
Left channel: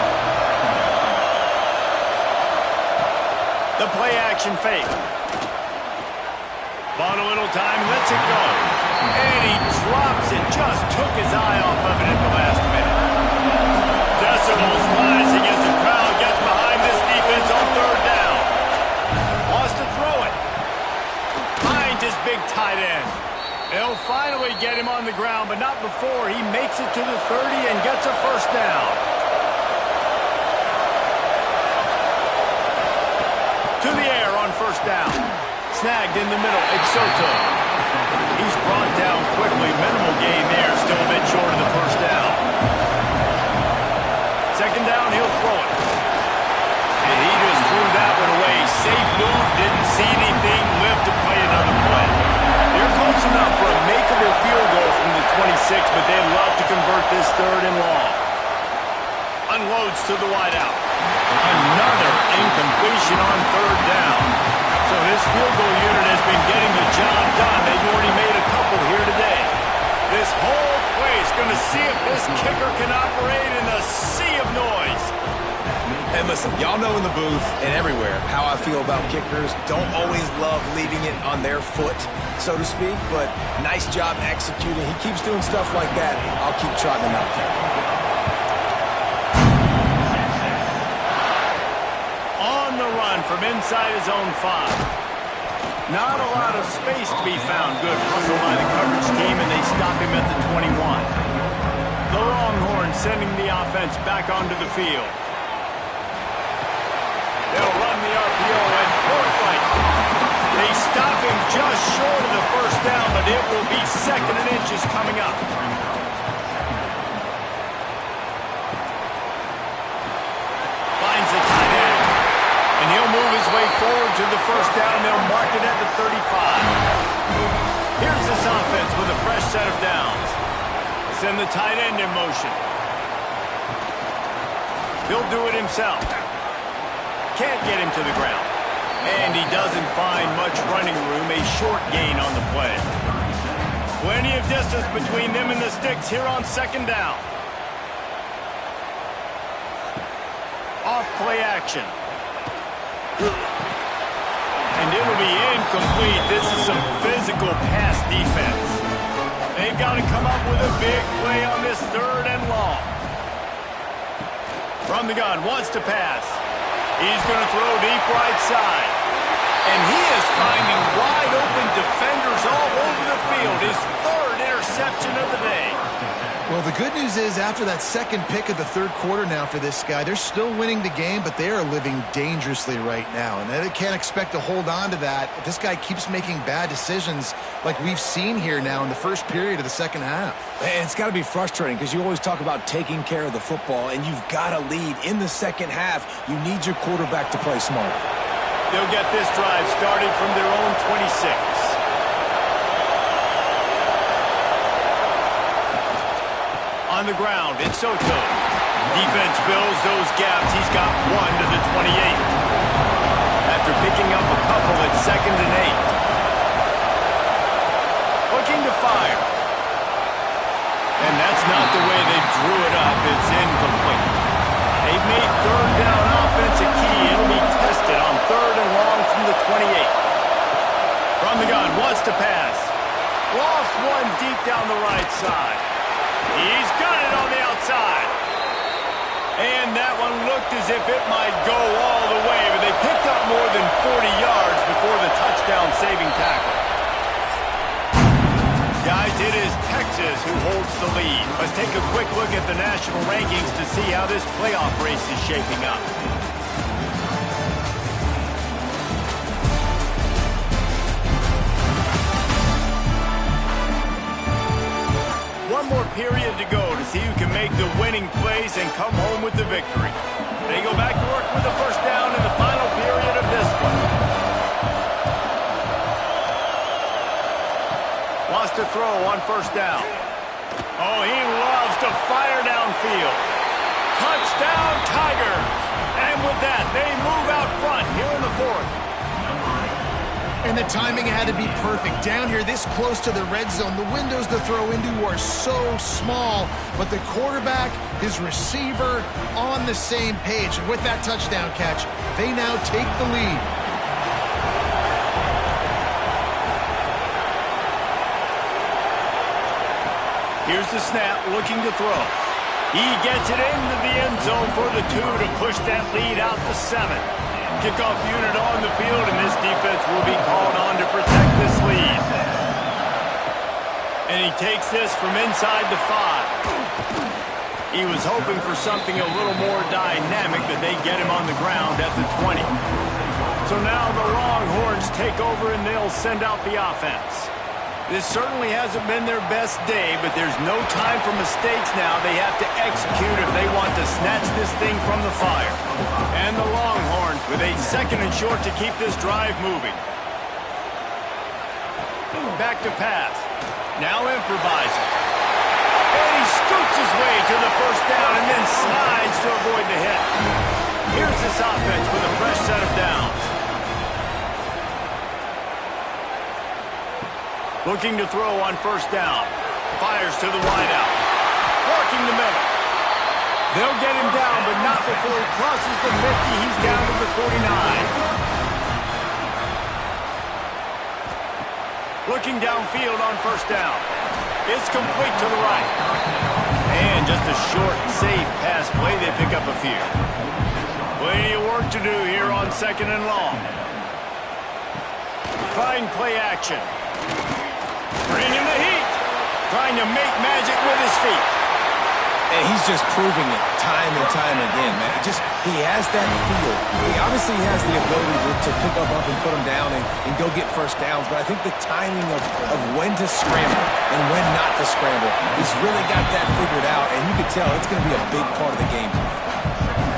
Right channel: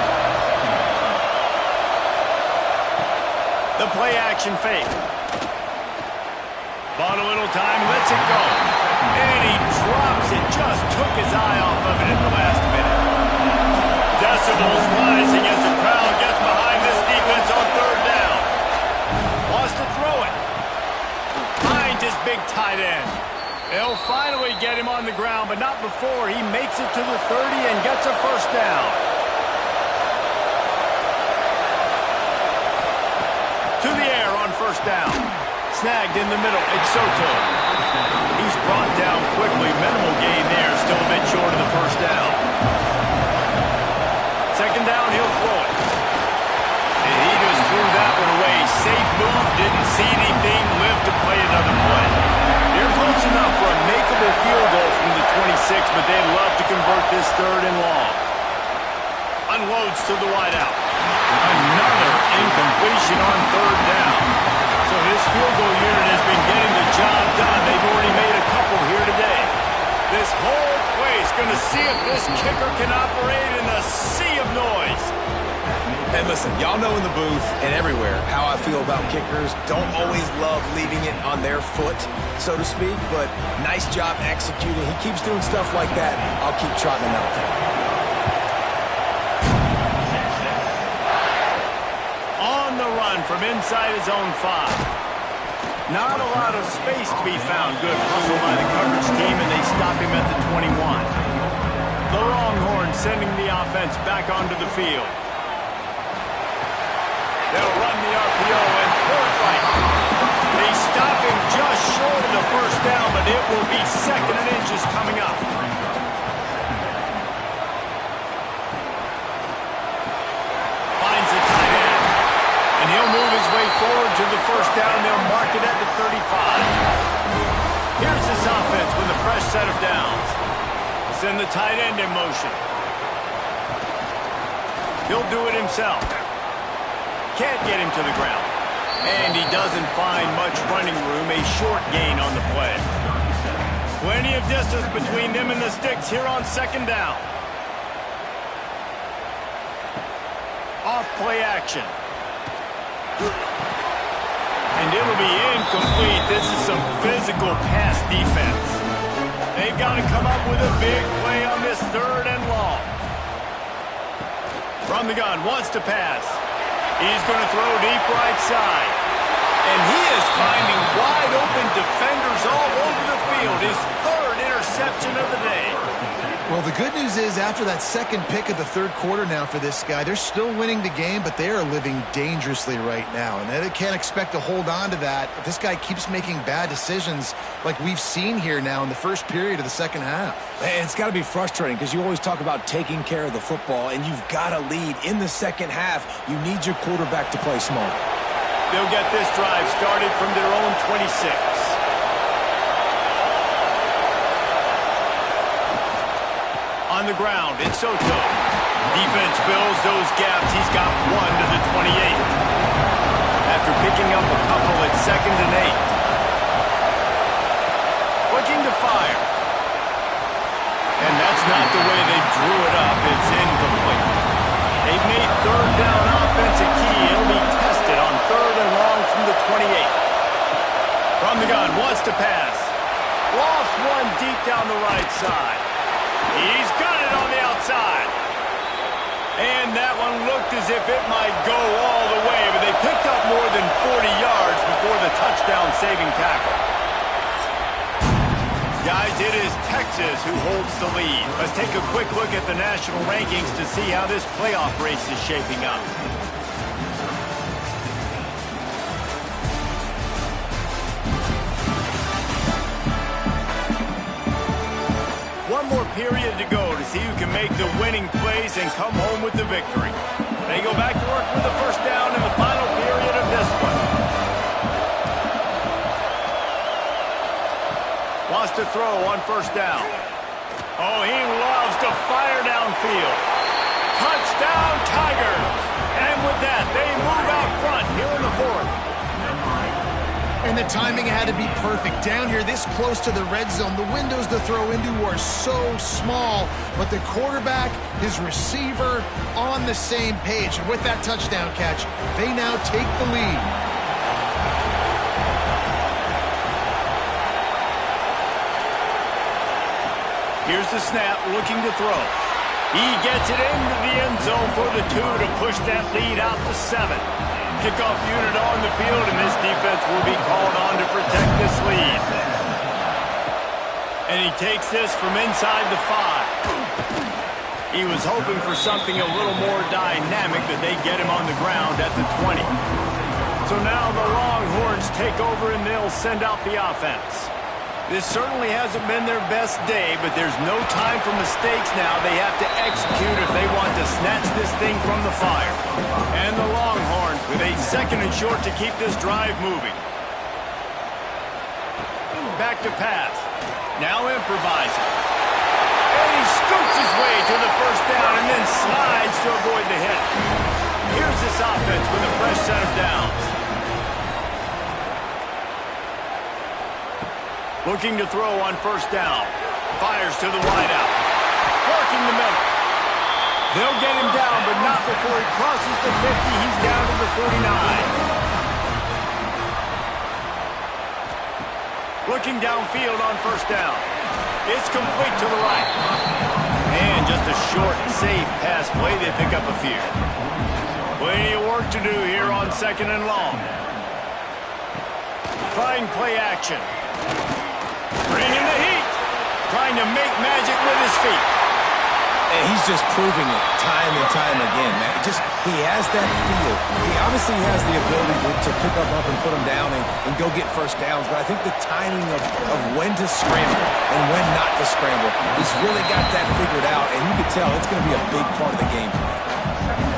The play action fake. Bought a little time, lets it go. And he drops it. Just took his eye off of it at the last minute. Decibels rising as the crowd gets behind this defense on 3rd down. Wants to throw it. Finds his big tight end. They'll finally get him on the ground, but not before he makes it to the 30 and gets a 1st down. To the air on 1st down. Snagged in the middle. It's Soto. He's brought down quickly. Minimal gain there. Still a bit short of the 1st down. 2nd down, he'll throw it. And he just threw that one away. Safe move. Didn't see anything. Lived to play another play. They're close enough for a makeable field goal from the 26, but they'd love to convert this 3rd and long. Unloads to the wideout. Another incompletion on 3rd down. So this field goal unit has been getting the job done. They've already made a couple here today. This whole place going to see if this kicker can operate in a sea of noise. And listen, y'all know in the booth and everywhere how I feel about kickers. Don't always love leaving it on their foot, so to speak, but nice job executing. He keeps doing stuff like that. I'll keep trotting him out there. On the run from inside his own 5. Not a lot of space to be found. Good hustle by the coverage team, and they stop him at the 21. The Longhorns sending the offense back onto the field. They'll run the RPO and throw it right. They stop him just short of the 1st down, but it will be 2nd and inches coming up. Finds the tight end. And he'll move his way forward to the 1st down. They'll mark it at the 35. Here's this offense with a fresh set of downs. Send the tight end in motion. He'll do it himself. Can't get him to the ground. And he doesn't find much running room. A short gain on the play. Plenty of distance between them and the sticks here on 2nd down. Off play action. And it'll be incomplete. This is some physical pass defense. They've got to come up with a big play on this 3rd and long. From the gun, wants to pass. He's going to throw deep right side. And he is finding wide open defenders all over the field. His 3rd interception of the day. Well, the good news is after that 2nd pick of the 3rd quarter now for this guy, they're still winning the game, but they are living dangerously right now. And they can't expect to hold on to that if this guy keeps making bad decisions like we've seen here now in the 1st period of the 2nd half. And it's got to be frustrating because you always talk about taking care of the football, and you've got to lead in the 2nd half. You need your quarterback to play smart. They'll get this drive started from their own 26. On the ground, it's Soto. Defense fills those gaps. He's got 1 to the 28. After picking up a couple at 2nd and 8. Looking to fire. And that's not the way they drew it up. It's incomplete. They've made 3rd down offense a key. It'll be tested on 3rd and long from the 28. From the gun, wants to pass. Lost one deep down the right side. He's got it on the outside. And that one looked as if it might go all the way, but they picked up more than 40 yards before the touchdown-saving tackle. Guys, it is Texas who holds the lead. Let's take a quick look at the national rankings to see how this playoff race is shaping up. One more period to go to see who can make the winning plays and come home with the victory. They go back to work with the first down in the final period of this one. Wants to throw on first down. Oh, he loves to fire downfield. Touchdown, Tigers! And with that, they move out front here in the 4th. And the timing had to be perfect. Down here this close to the red zone, the windows to throw into are so small, but the quarterback, his receiver, on the same page. And with that touchdown catch, they now take the lead. Here's the snap, looking to throw. He gets it into the end zone for the 2 to push that lead out to 7. Kickoff unit on the field, and this defense will be called on to protect this lead. And he takes this from inside the 5. He was hoping for something a little more dynamic, that they get him on the ground at the 20. So now the Longhorns take over, and they'll send out the offense. This certainly hasn't been their best day, but there's no time for mistakes now. They have to execute if they want to snatch this thing from the fire. And the Longhorns with a 2nd and short to keep this drive moving. Back to pass. Now improvising. And he scoots his way to the first down and then slides to avoid the hit. Here's this offense with a fresh set of downs. Looking to throw on first down. Fires to the wideout. Working the middle. They'll get him down, but not before he crosses the 50. He's down to the 49. Looking downfield on first down. It's complete to the right. And just a short, safe pass play. They pick up a few. Plenty of work to do here on 2nd and long. Trying play action. Bringing the heat. Trying to make magic with his feet. And he's just proving it time and time again, man. He has that feel. He obviously has the ability to pick up and put him down and go get first downs. But I think the timing of when to scramble and when not to scramble, he's really got that figured out. And you can tell it's going to be a big part of the game.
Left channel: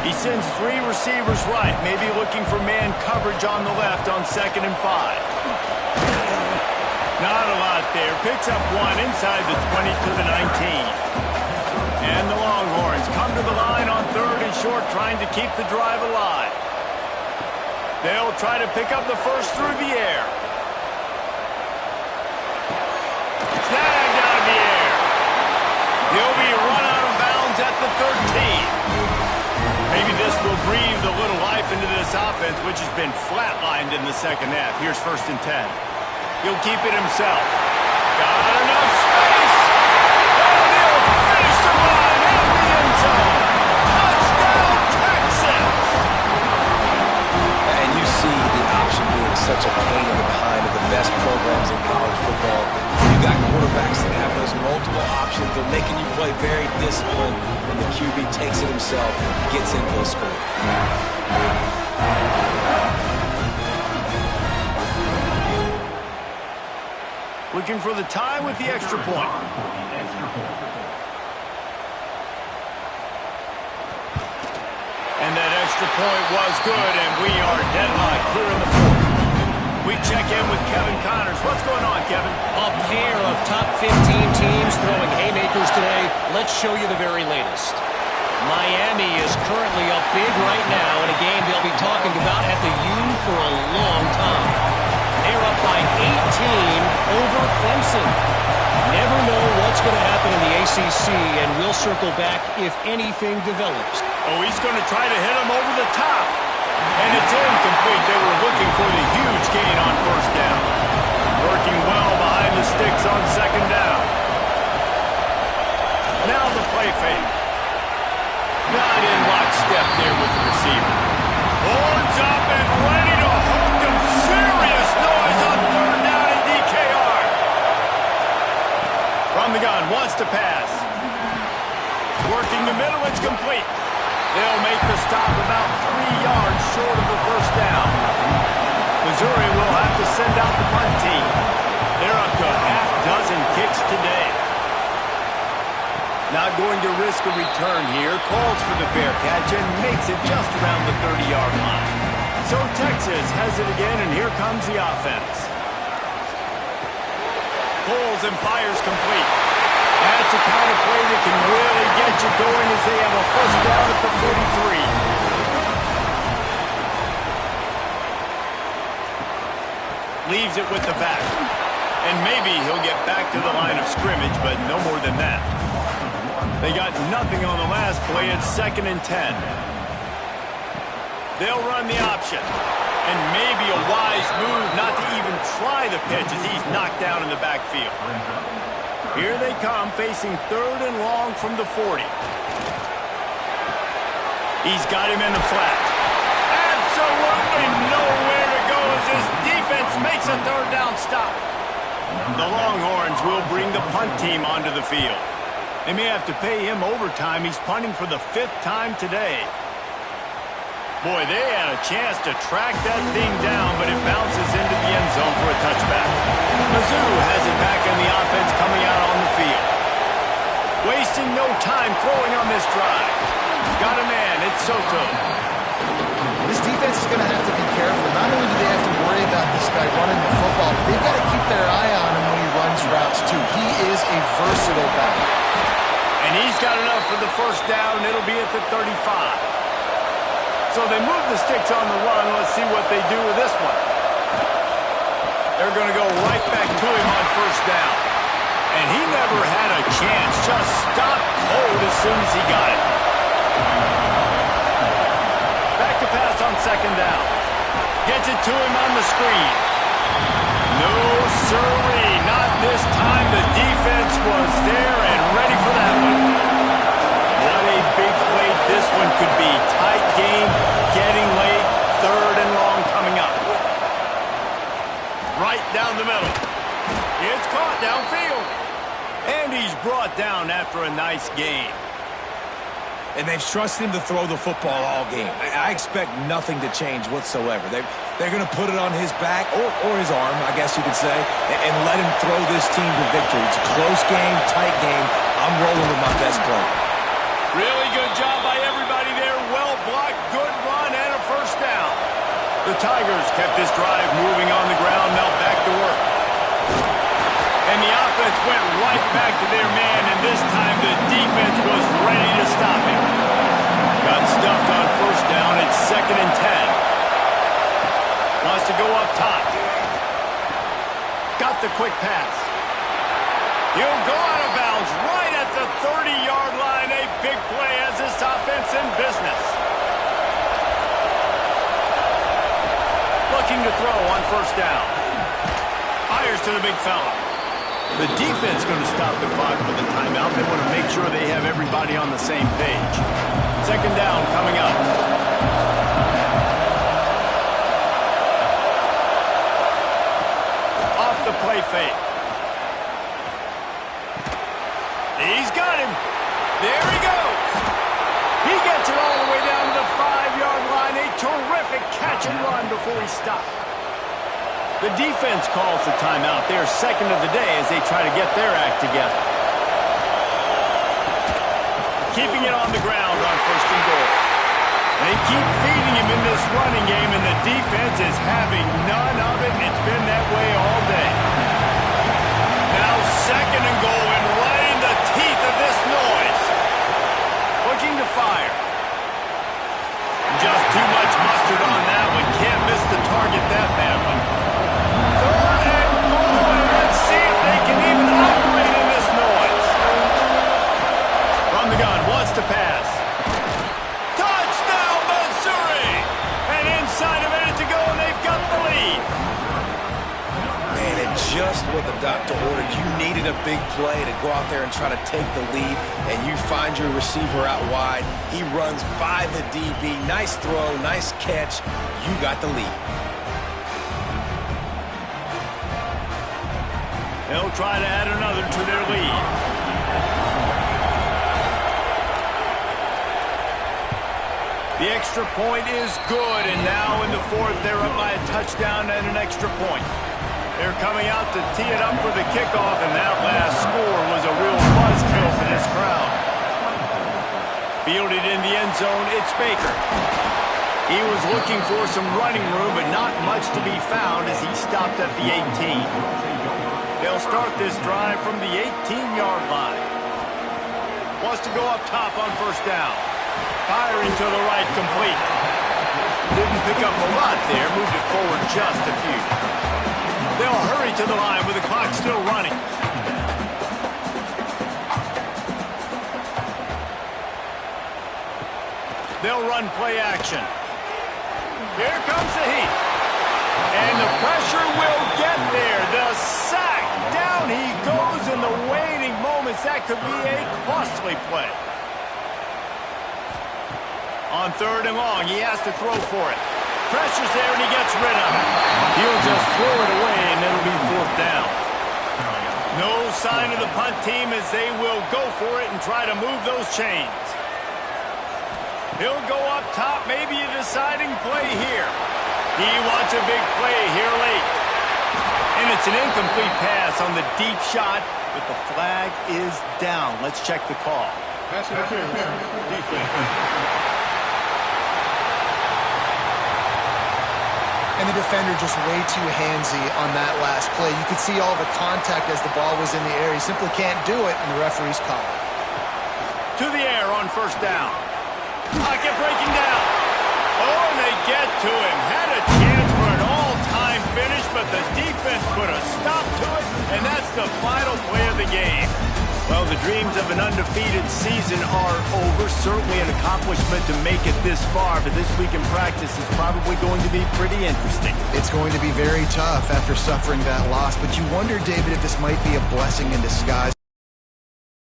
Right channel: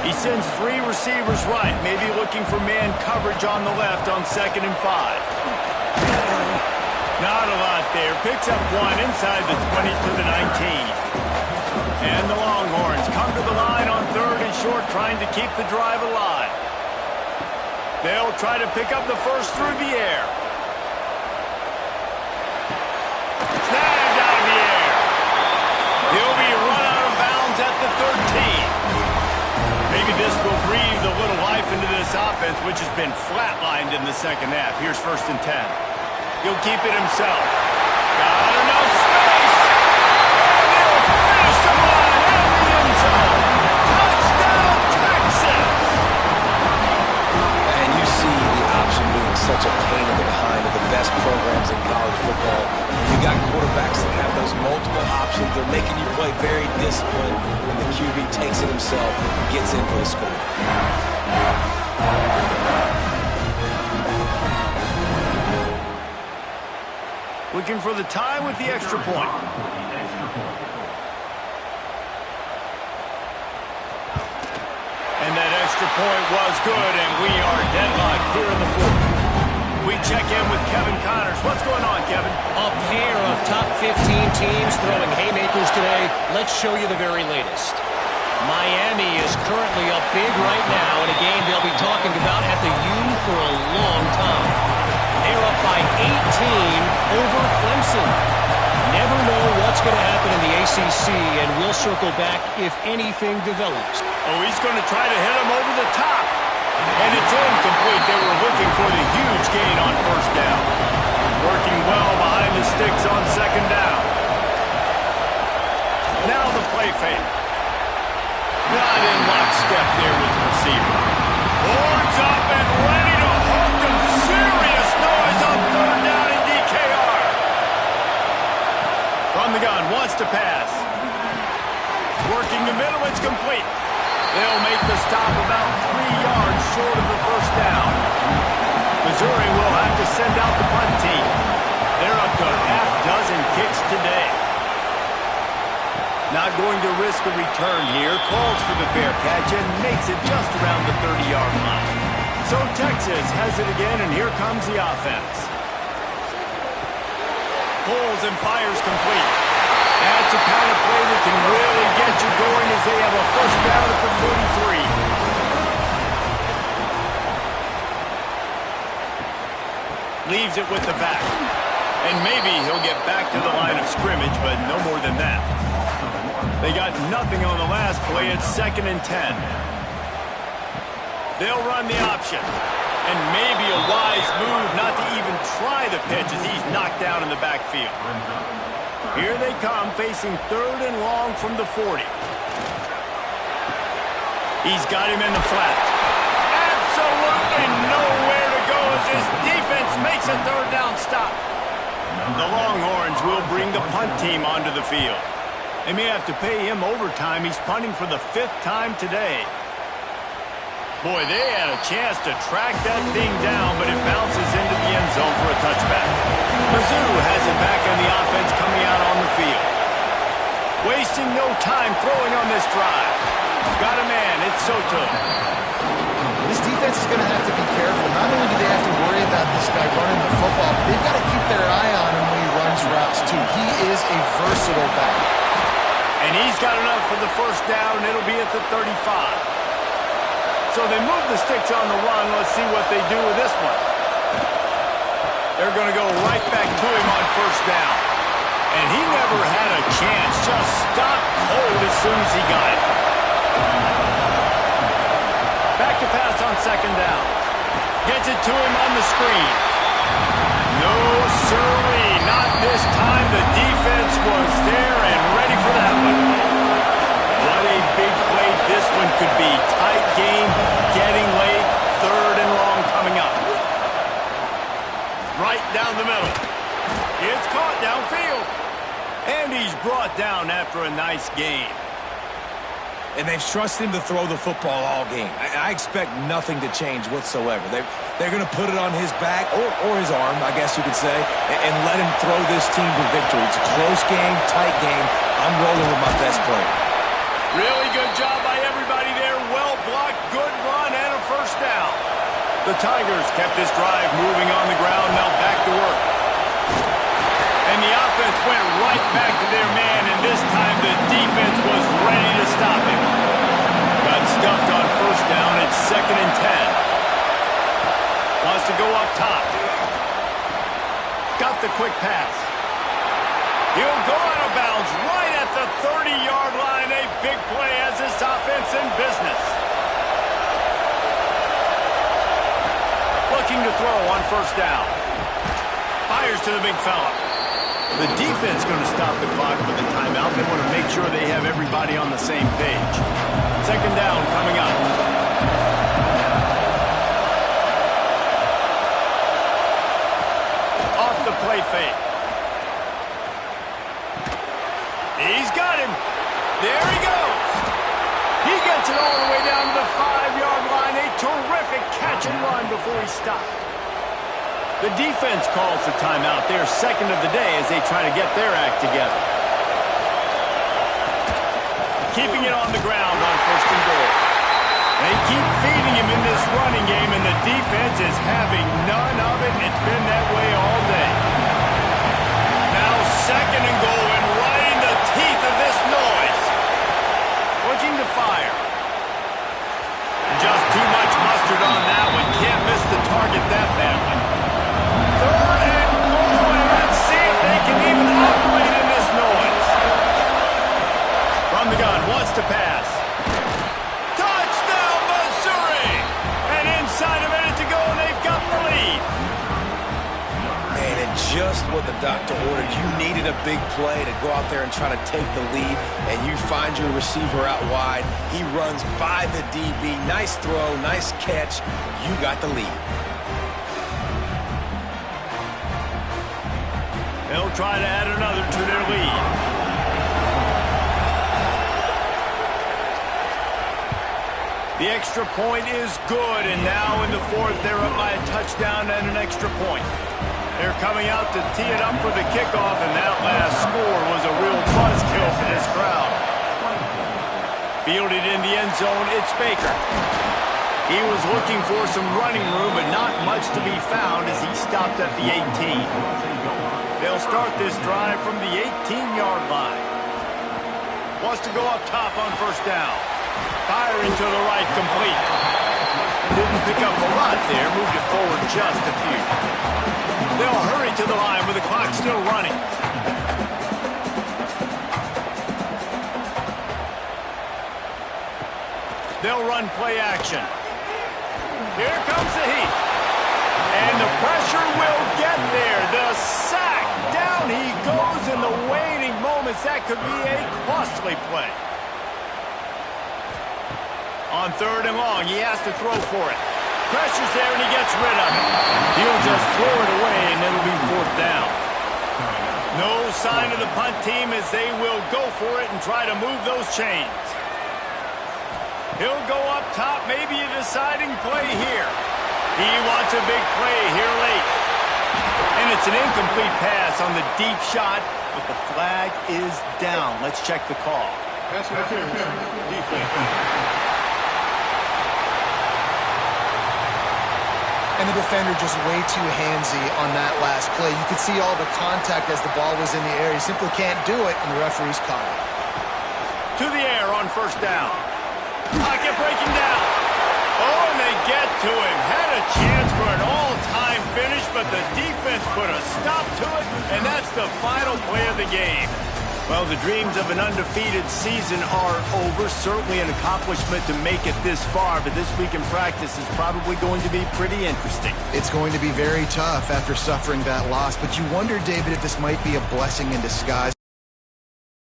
He sends 3 receivers right, maybe looking for man coverage on the left on 2nd and 5. Not a lot there. Picks up 1 inside the 20 to the 19. And the Longhorns come to the line on 3rd and short, trying to keep the drive alive. They'll try to pick up the first through the air. Snagged out of the air. He'll be run out of bounds at the 13. Maybe this will breathe a little life into this offense, which has been flatlined in the second half. Here's 1st and 10. He'll keep it himself. Got enough space. And he'll finish the line in the end zone. Touchdown, Texas! And you see the option being such a pain in the behind of the best programs in college football. You got quarterbacks that have those multiple options. They're making you play very disciplined, and the QB takes it himself and gets in for the score. Looking for the tie with the extra point. And that extra point was good, and we are deadlocked here in the 4th. We check in with Kevin Connors. What's going on, Kevin? A pair of top 15 teams throwing haymakers today. Let's show you the very latest. Miami is currently up big right now in a game they'll be talking about at the U for a long time. They're up by 18 over Clemson. Never know what's going to happen in the ACC, and we'll circle back if anything develops. Oh, he's going to try to hit him over the top. And it's incomplete. They were looking for the huge gain on first down. Working well behind the sticks on second down. Now the play fake. Not in lockstep there with the receiver. Horns up and ready to hook him. Serious noise on third down in DKR. From the gun, wants to pass. Working the middle, it's complete. They'll make the stop about 3 yards short of the first down. Missouri will have to send out the punt team. They're up to a half dozen kicks today. Not going to risk a return here. Calls for the fair catch and makes it just around the 30-yard line. So Texas has it again, and here comes the offense. Pulls and fires complete. That's the kind of play that can really get you going as they have a first down at the 43. Leaves it with the back. And maybe he'll get back to the line of scrimmage, but no more than that. They got nothing on the last play. It's 2nd and 10. They'll run the option. And maybe a wise move not to even try the pitch as he's knocked down in the backfield. Here they come, facing 3rd and long from the 40. He's got him in the flat. Absolutely nowhere to go as his defense makes a 3rd down stop. The Longhorns will bring the punt team onto the field. They may have to pay him overtime. He's punting for the 5th time today. Boy, they had a chance to track that thing down, but it bounces into the end zone for a touchback. Mizzou has it back in the offense coming out on the field. Wasting no time throwing on this drive. Got a man, it's Soto. This defense is going to have to be careful. Not only do they have to worry about this guy running the football, but they've got to keep their eye on him when he runs routes, too. He is a versatile back. And he's got enough for the first down. It'll be at the 35. So they move the sticks on the run. Let's see what they do with this one. They're going to go right back to him on first down. And he never had a chance. Just stopped cold as soon as he got it. Back to pass on second down. Gets it to him on the screen. No, sirree. Not this time. The defense was there and ready for that one. What a big play this one could be. Tight game, getting late, 3rd and long coming up. Right down the middle. It's caught downfield. And he's brought down after a nice gain. And they've trusted him to throw the football all game. I expect nothing to change whatsoever. They're going to put it on his back, or his arm, I guess you could say, and let him throw this team to victory. It's a close game, tight game. I'm rolling with my best player. Really good job by everybody there. Well blocked, good run, and a first down. The Tigers kept this drive moving on the ground. Now back to work. And the offense went right back to their man, and this time the defense was ready to stop him. Got stuffed on first down. It's 2nd and 10. Wants to go up top. Got the quick pass. He'll go out of bounds right at the 30-yard line. A big play as this offense in business. Looking to throw on first down. Fires to the big fella. The defense going to stop the clock with a timeout. They want to make sure they have everybody on the same page. 2nd down coming up. Off the play fake. He's got him. There he goes. He gets it all the way down to the 5-yard line. A terrific catch and run before he stopped. The defense calls the timeout. They're 2nd of the day as they try to get their act together. Keeping it on the ground on 1st and goal. They keep feeding him in this running game, and the defense is having none of it. It's been that way all day. Now 2nd and goal, and right in the teeth of this noise. Looking to fire. Just too much mustard on that one. Can't miss the target that badly. 3rd and goal, and let's see if they can even operate in this noise. From the gun, wants to pass. Touchdown, Missouri! And inside a minute to go, and they've got the lead. Man, and just what the doctor ordered. You needed a big play to go out there and try to take the lead, and you find your receiver out wide. He runs by the DB. Nice throw, nice catch. You got the lead. They'll try to add another to their lead. The extra point is good, and now in the 4th, they're up by a touchdown and an extra point. They're coming out to tee it up for the kickoff, and that last score was a real buzzkill for this crowd. Fielded in the end zone, it's Baker. He was looking for some running room, but not much to be found as he stopped at the 18. They'll start this drive from the 18-yard line. Wants to go up top on 1st down. Firing to the right, complete. Didn't pick up a lot there, moved it forward just a few. They'll hurry to the line with the clock still running. They'll run play action. Here comes the heat. And the pressure will get there. The sack. Down he goes in the waning moments. That could be a costly play. On 3rd and long, he has to throw for it. Pressure's there, and he gets rid of it. He'll just throw it away, and it'll be 4th down. No sign of the punt team as they will go for it and try to move those chains. He'll go up top, maybe a deciding play here. He wants a big play here late. And it's an incomplete pass on the deep shot, but the flag is down. Let's check the call. Pass interference, defense. And the defender just way too handsy on that last play. You could see all the contact as the ball was in the air. He simply can't do it, and the referee's caught it. To the air on 1st down. Pocket breaking down. Oh, and they get to him. Had a chance for an all-time finish, but the defense put a stop to it, and that's the final play of the game. Well, the dreams of an undefeated season are over. Certainly an accomplishment to make it this far, but this week in practice is probably going to be pretty interesting. It's going to be very tough after suffering that loss, but you wonder, David, if this might be a blessing in disguise.